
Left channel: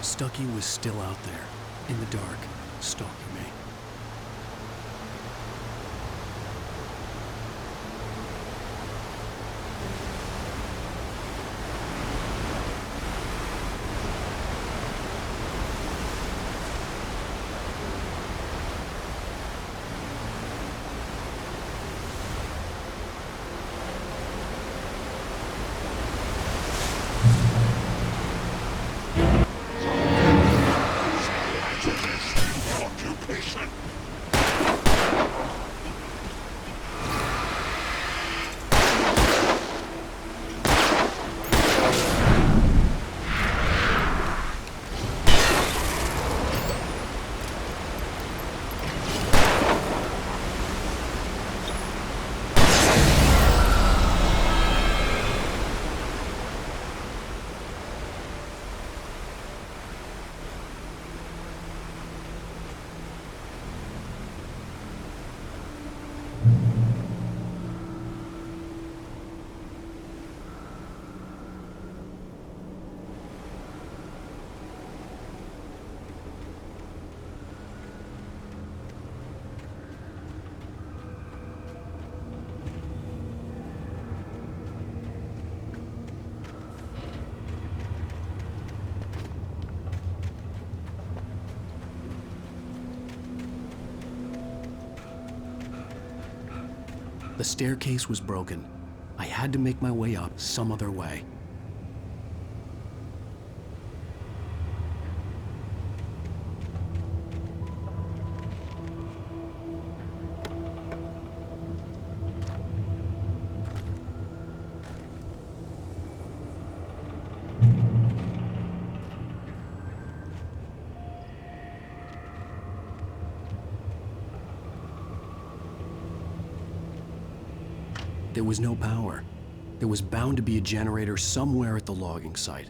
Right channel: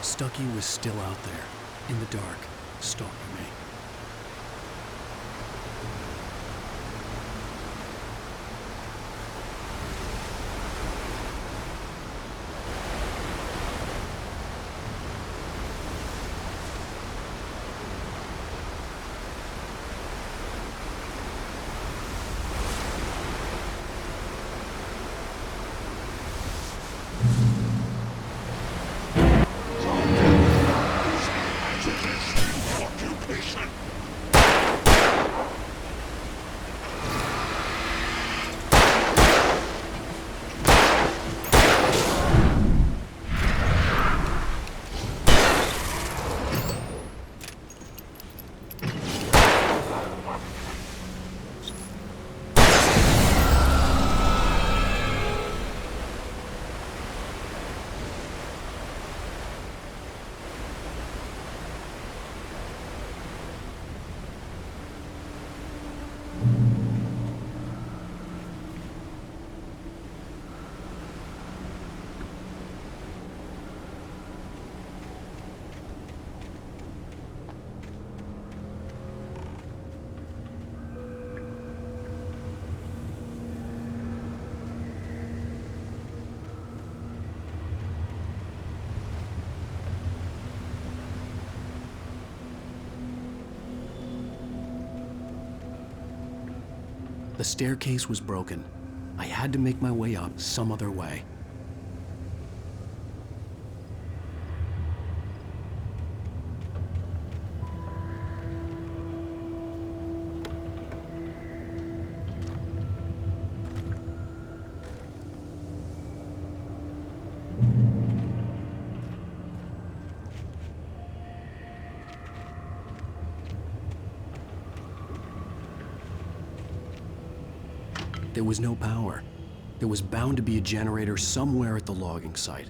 Stucky was still out there, in the dark, stalking me. The staircase was broken. I had to make my way up some other way. There was no power. There was bound to be a generator somewhere at the logging site.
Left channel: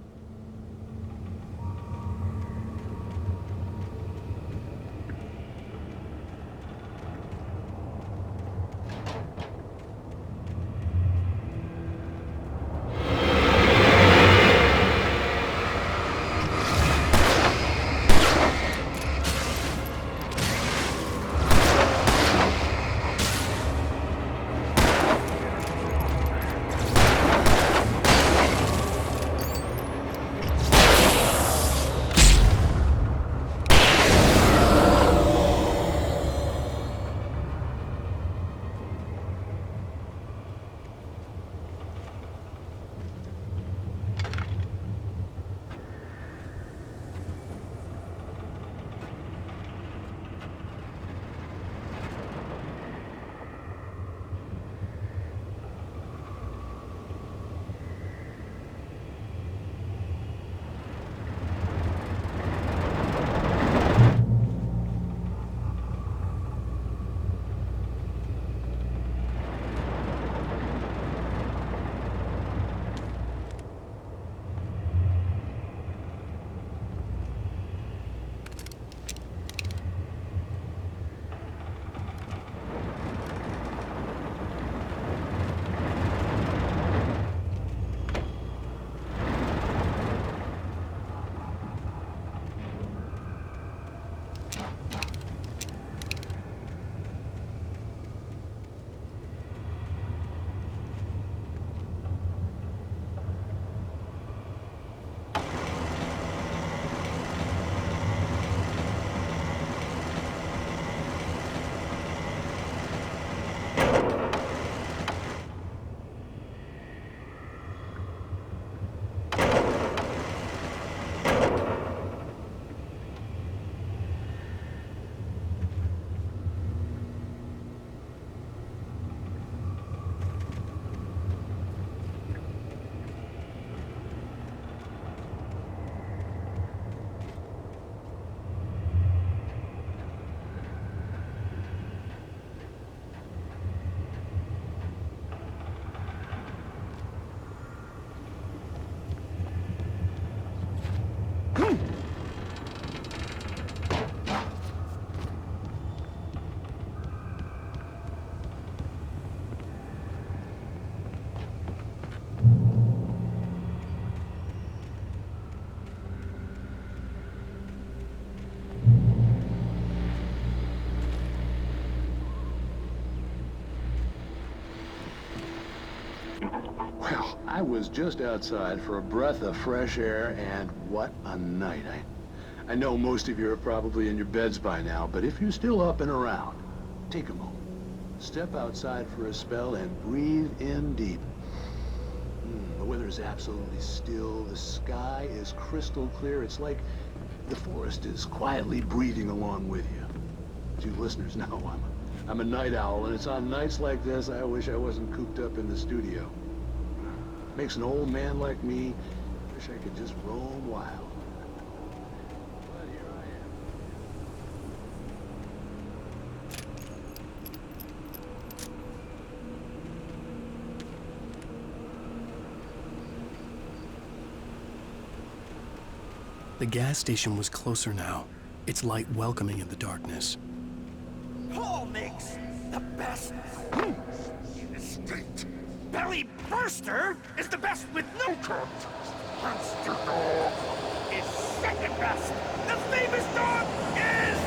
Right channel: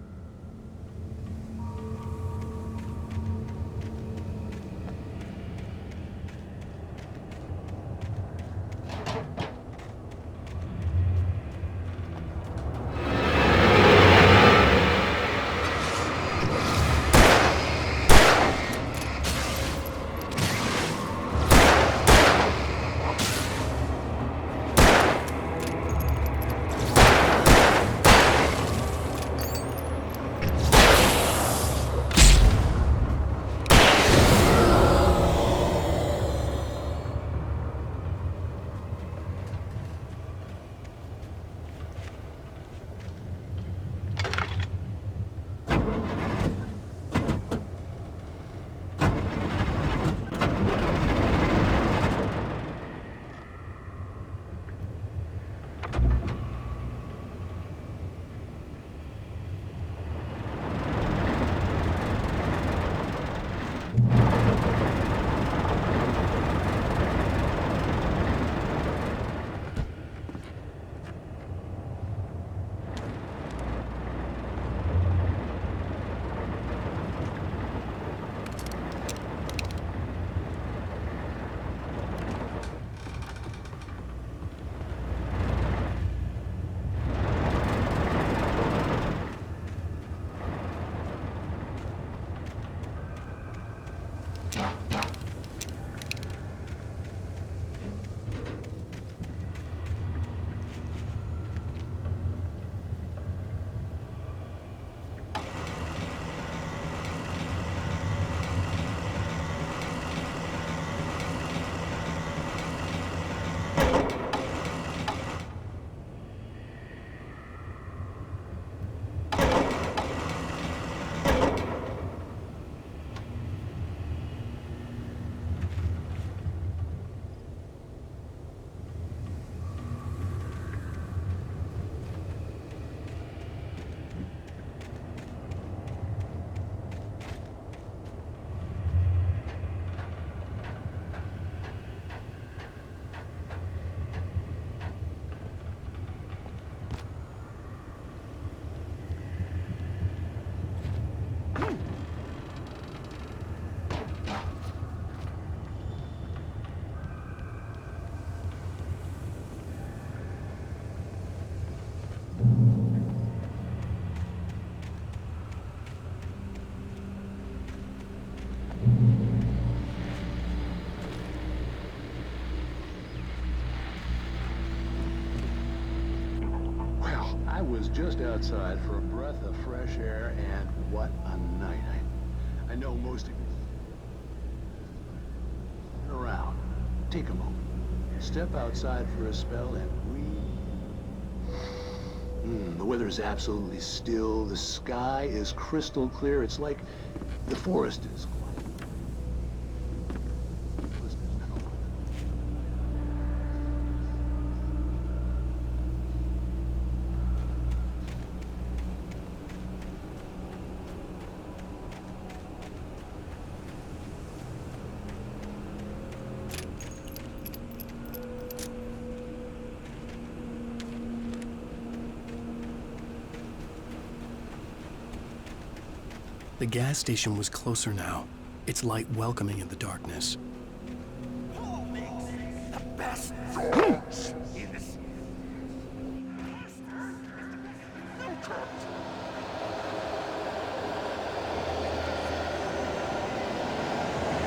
I was just outside for a breath of fresh air, and what a night. I know most of you are probably in your beds by now, but if you're still up and around, take a moment. Step outside for a spell and breathe in deep. The weather is absolutely still. The sky is crystal clear. It's like the forest is quietly breathing along with you. As you listeners know, I'm a night owl, and it's on nights like this I wish I wasn't cooped up in the studio. Makes an old man like me wish I could just roam wild. But here I The gas station was closer now, its light welcoming in the darkness. Paul makes the best dogs in the state. Belly Burster is the best with no contest. Monster Dog is second best. The famous dog is...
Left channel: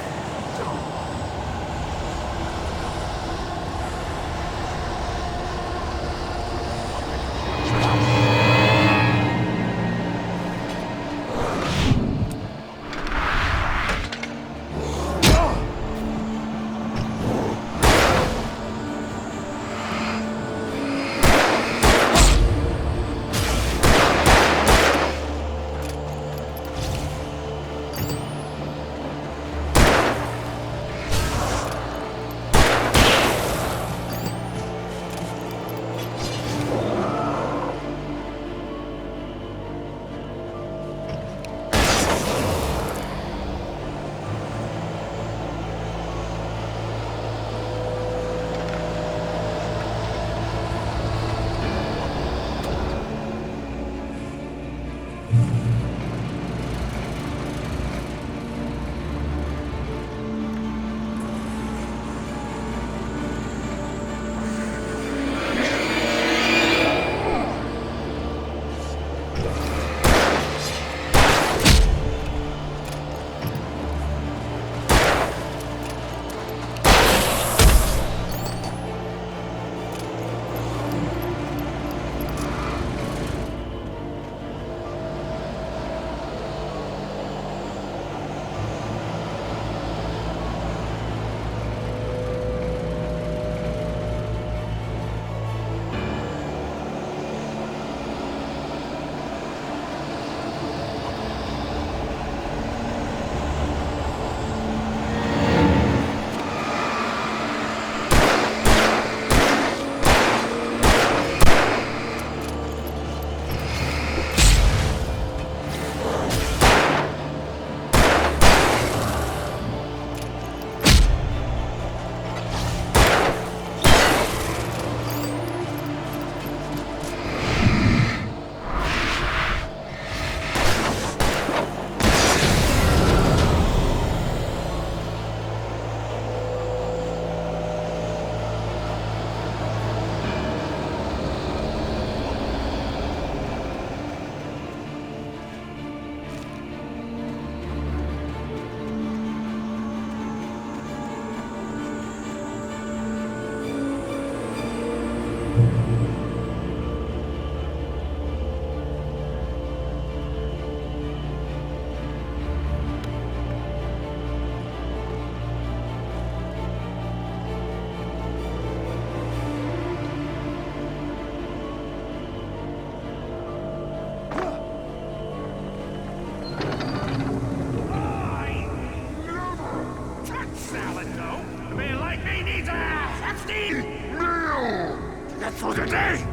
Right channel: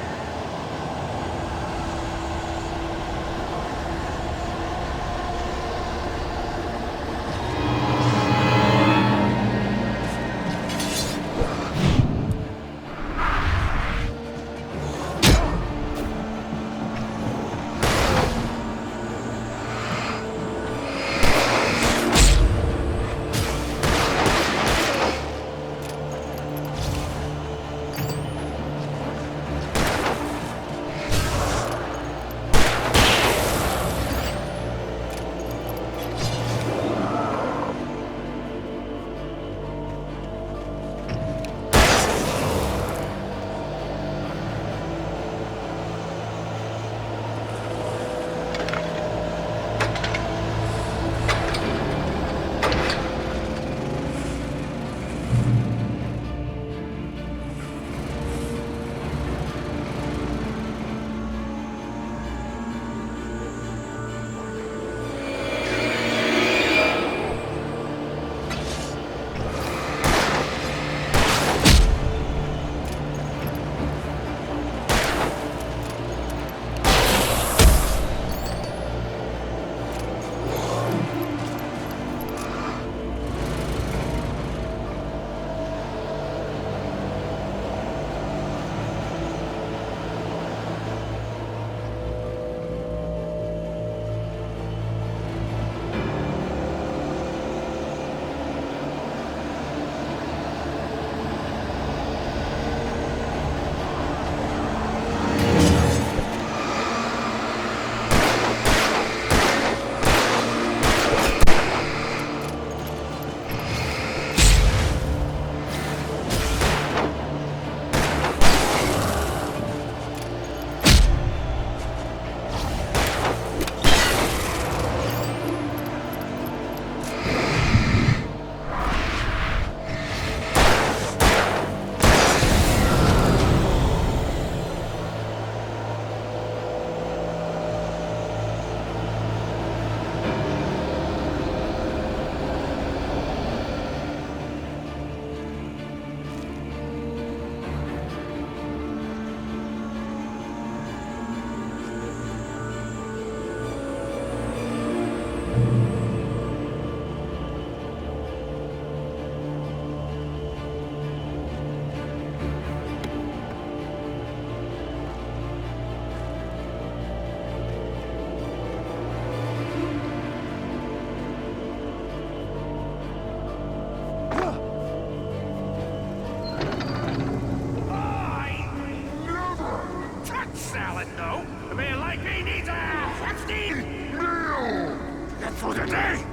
for the day!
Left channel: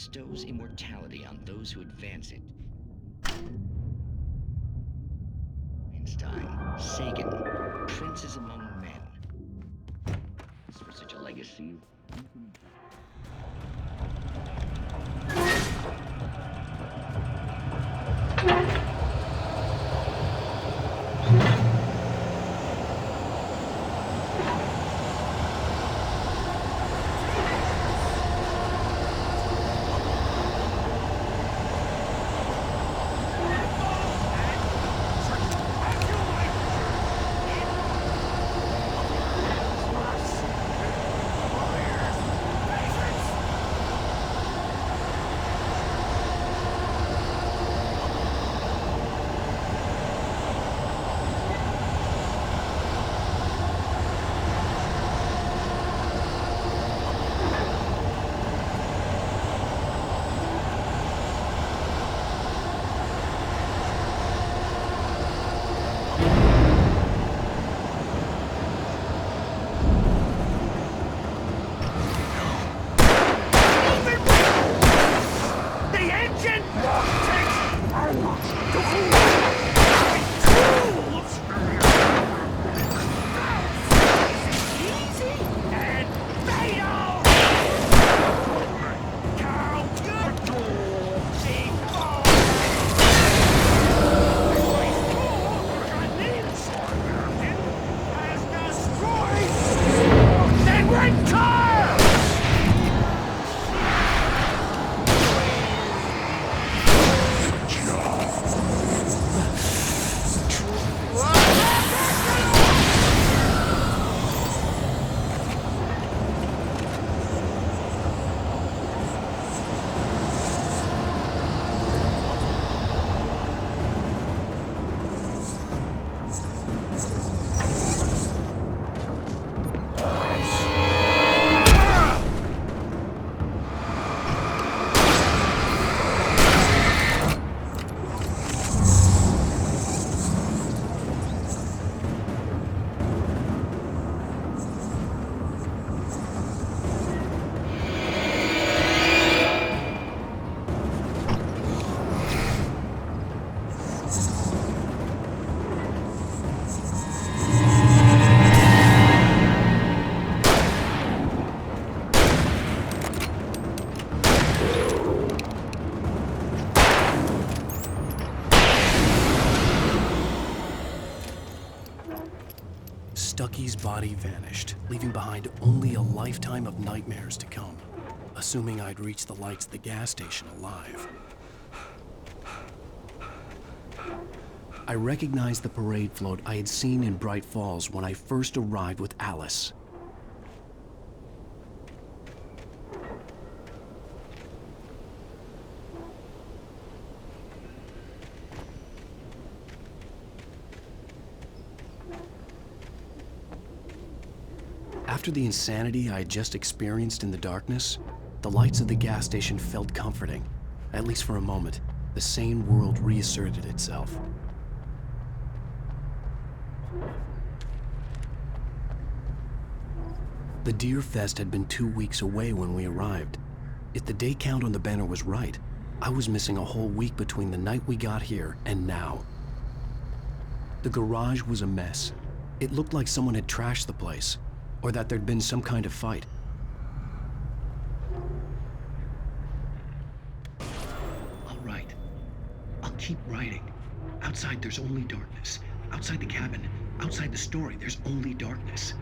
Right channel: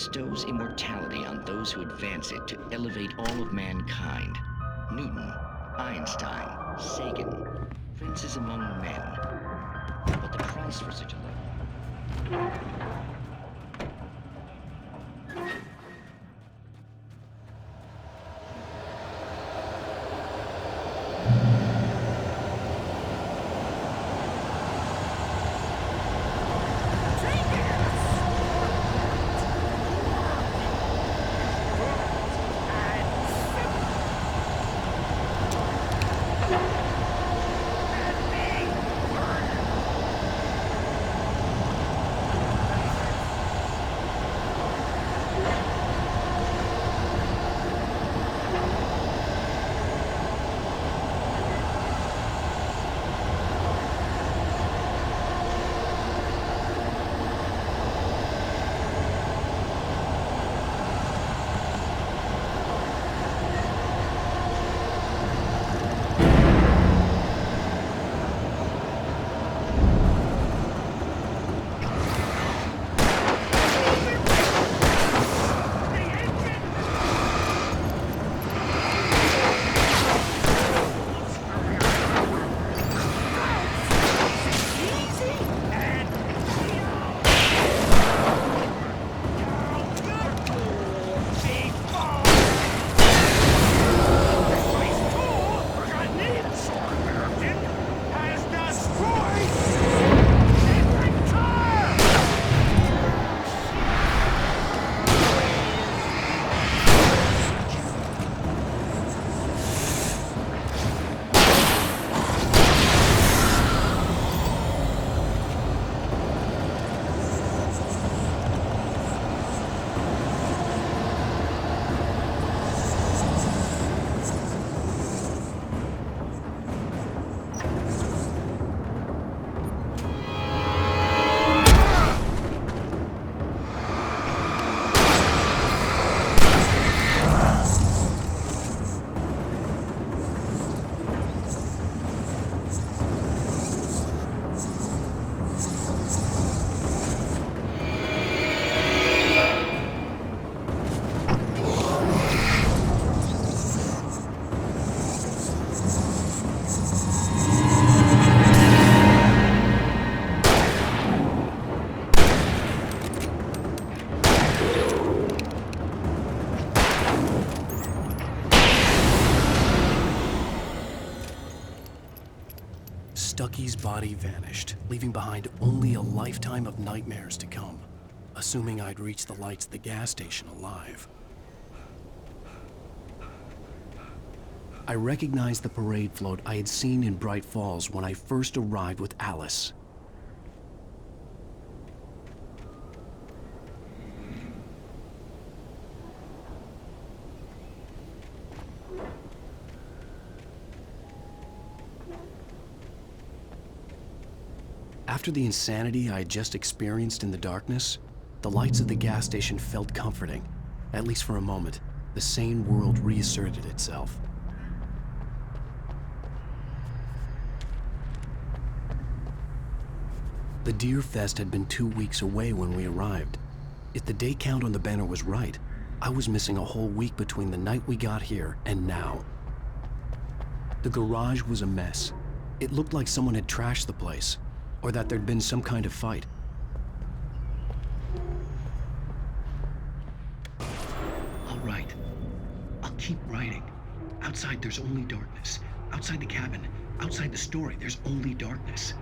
bestows immortality on those who advance it to elevate all of mankind. Newton, Einstein, Sagan, princes among men. But the price for such a legacy... Stucky's body vanished, leaving behind only a lifetime of nightmares to come, assuming I'd reached the lights at the gas station alive. I recognized the parade float I had seen in Bright Falls when I first arrived with Alice. After the insanity I had just experienced in the darkness, the lights of the gas station felt comforting. At least for a moment, the sane world reasserted itself. The Deer Fest had been 2 weeks away when we arrived. If the day count on the banner was right, I was missing a whole week between the night we got here and now. The garage was a mess. It looked like someone had trashed the place, or that there'd been some kind of fight. All right. I'll keep writing. Outside, there's only darkness. Outside the cabin, outside the story, there's only darkness.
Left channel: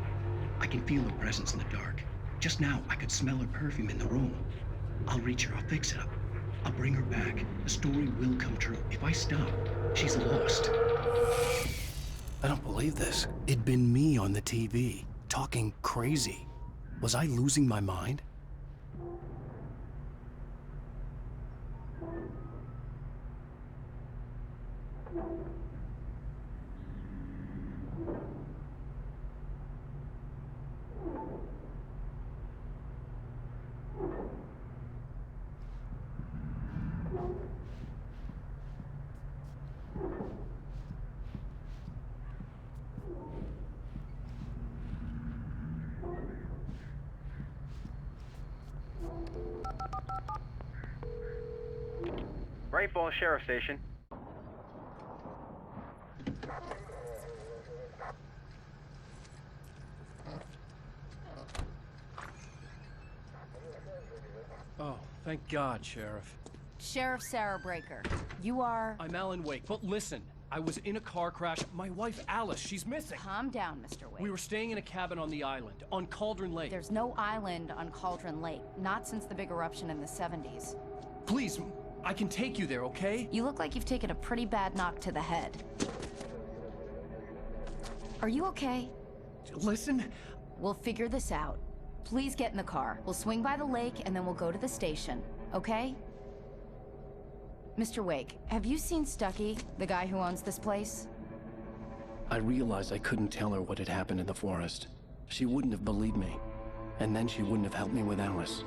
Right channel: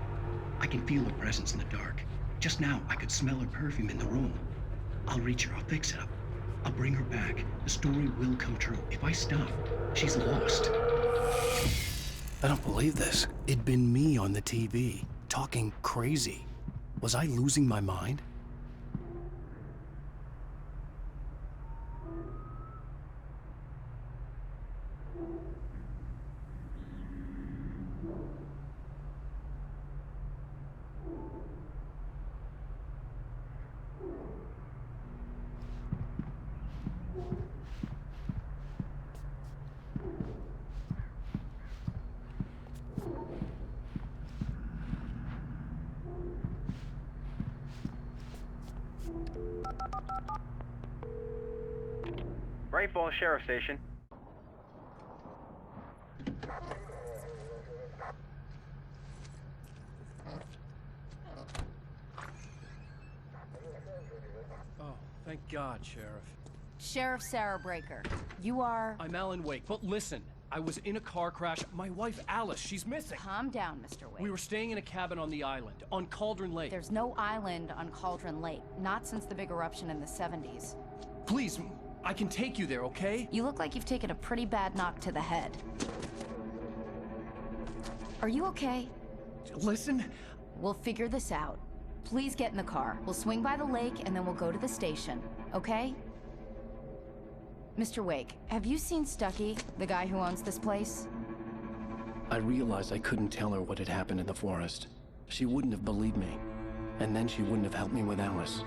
I can feel her presence in the dark. Just now, I could smell her perfume in the room. I'll reach her. I'll fix it up. I'll bring her back. The story will come true. If I stop, she's lost. I don't believe this. It'd been me on the TV, talking crazy. Was I losing my mind? Great Falls Sheriff Station. Oh, thank God, Sheriff. Sheriff Sarah Breaker. You are... I'm Alan Wake, but listen. I was in a car crash. My wife, Alice, she's missing. Calm down, Mr. Wake. We were staying in a cabin on the island, on Cauldron Lake. There's no island on Cauldron Lake. Not since the big eruption in the 70s. Please, I can take you there, okay? You look like you've taken a pretty bad knock to the head. Are you okay? Listen. We'll figure this out. Please get in the car. We'll swing by the lake and then we'll go to the station, okay? Mr. Wake, have you seen Stucky, the guy who owns this place? I realized I couldn't tell her what had happened in the forest. She wouldn't have believed me. And then she wouldn't have helped me with Alice.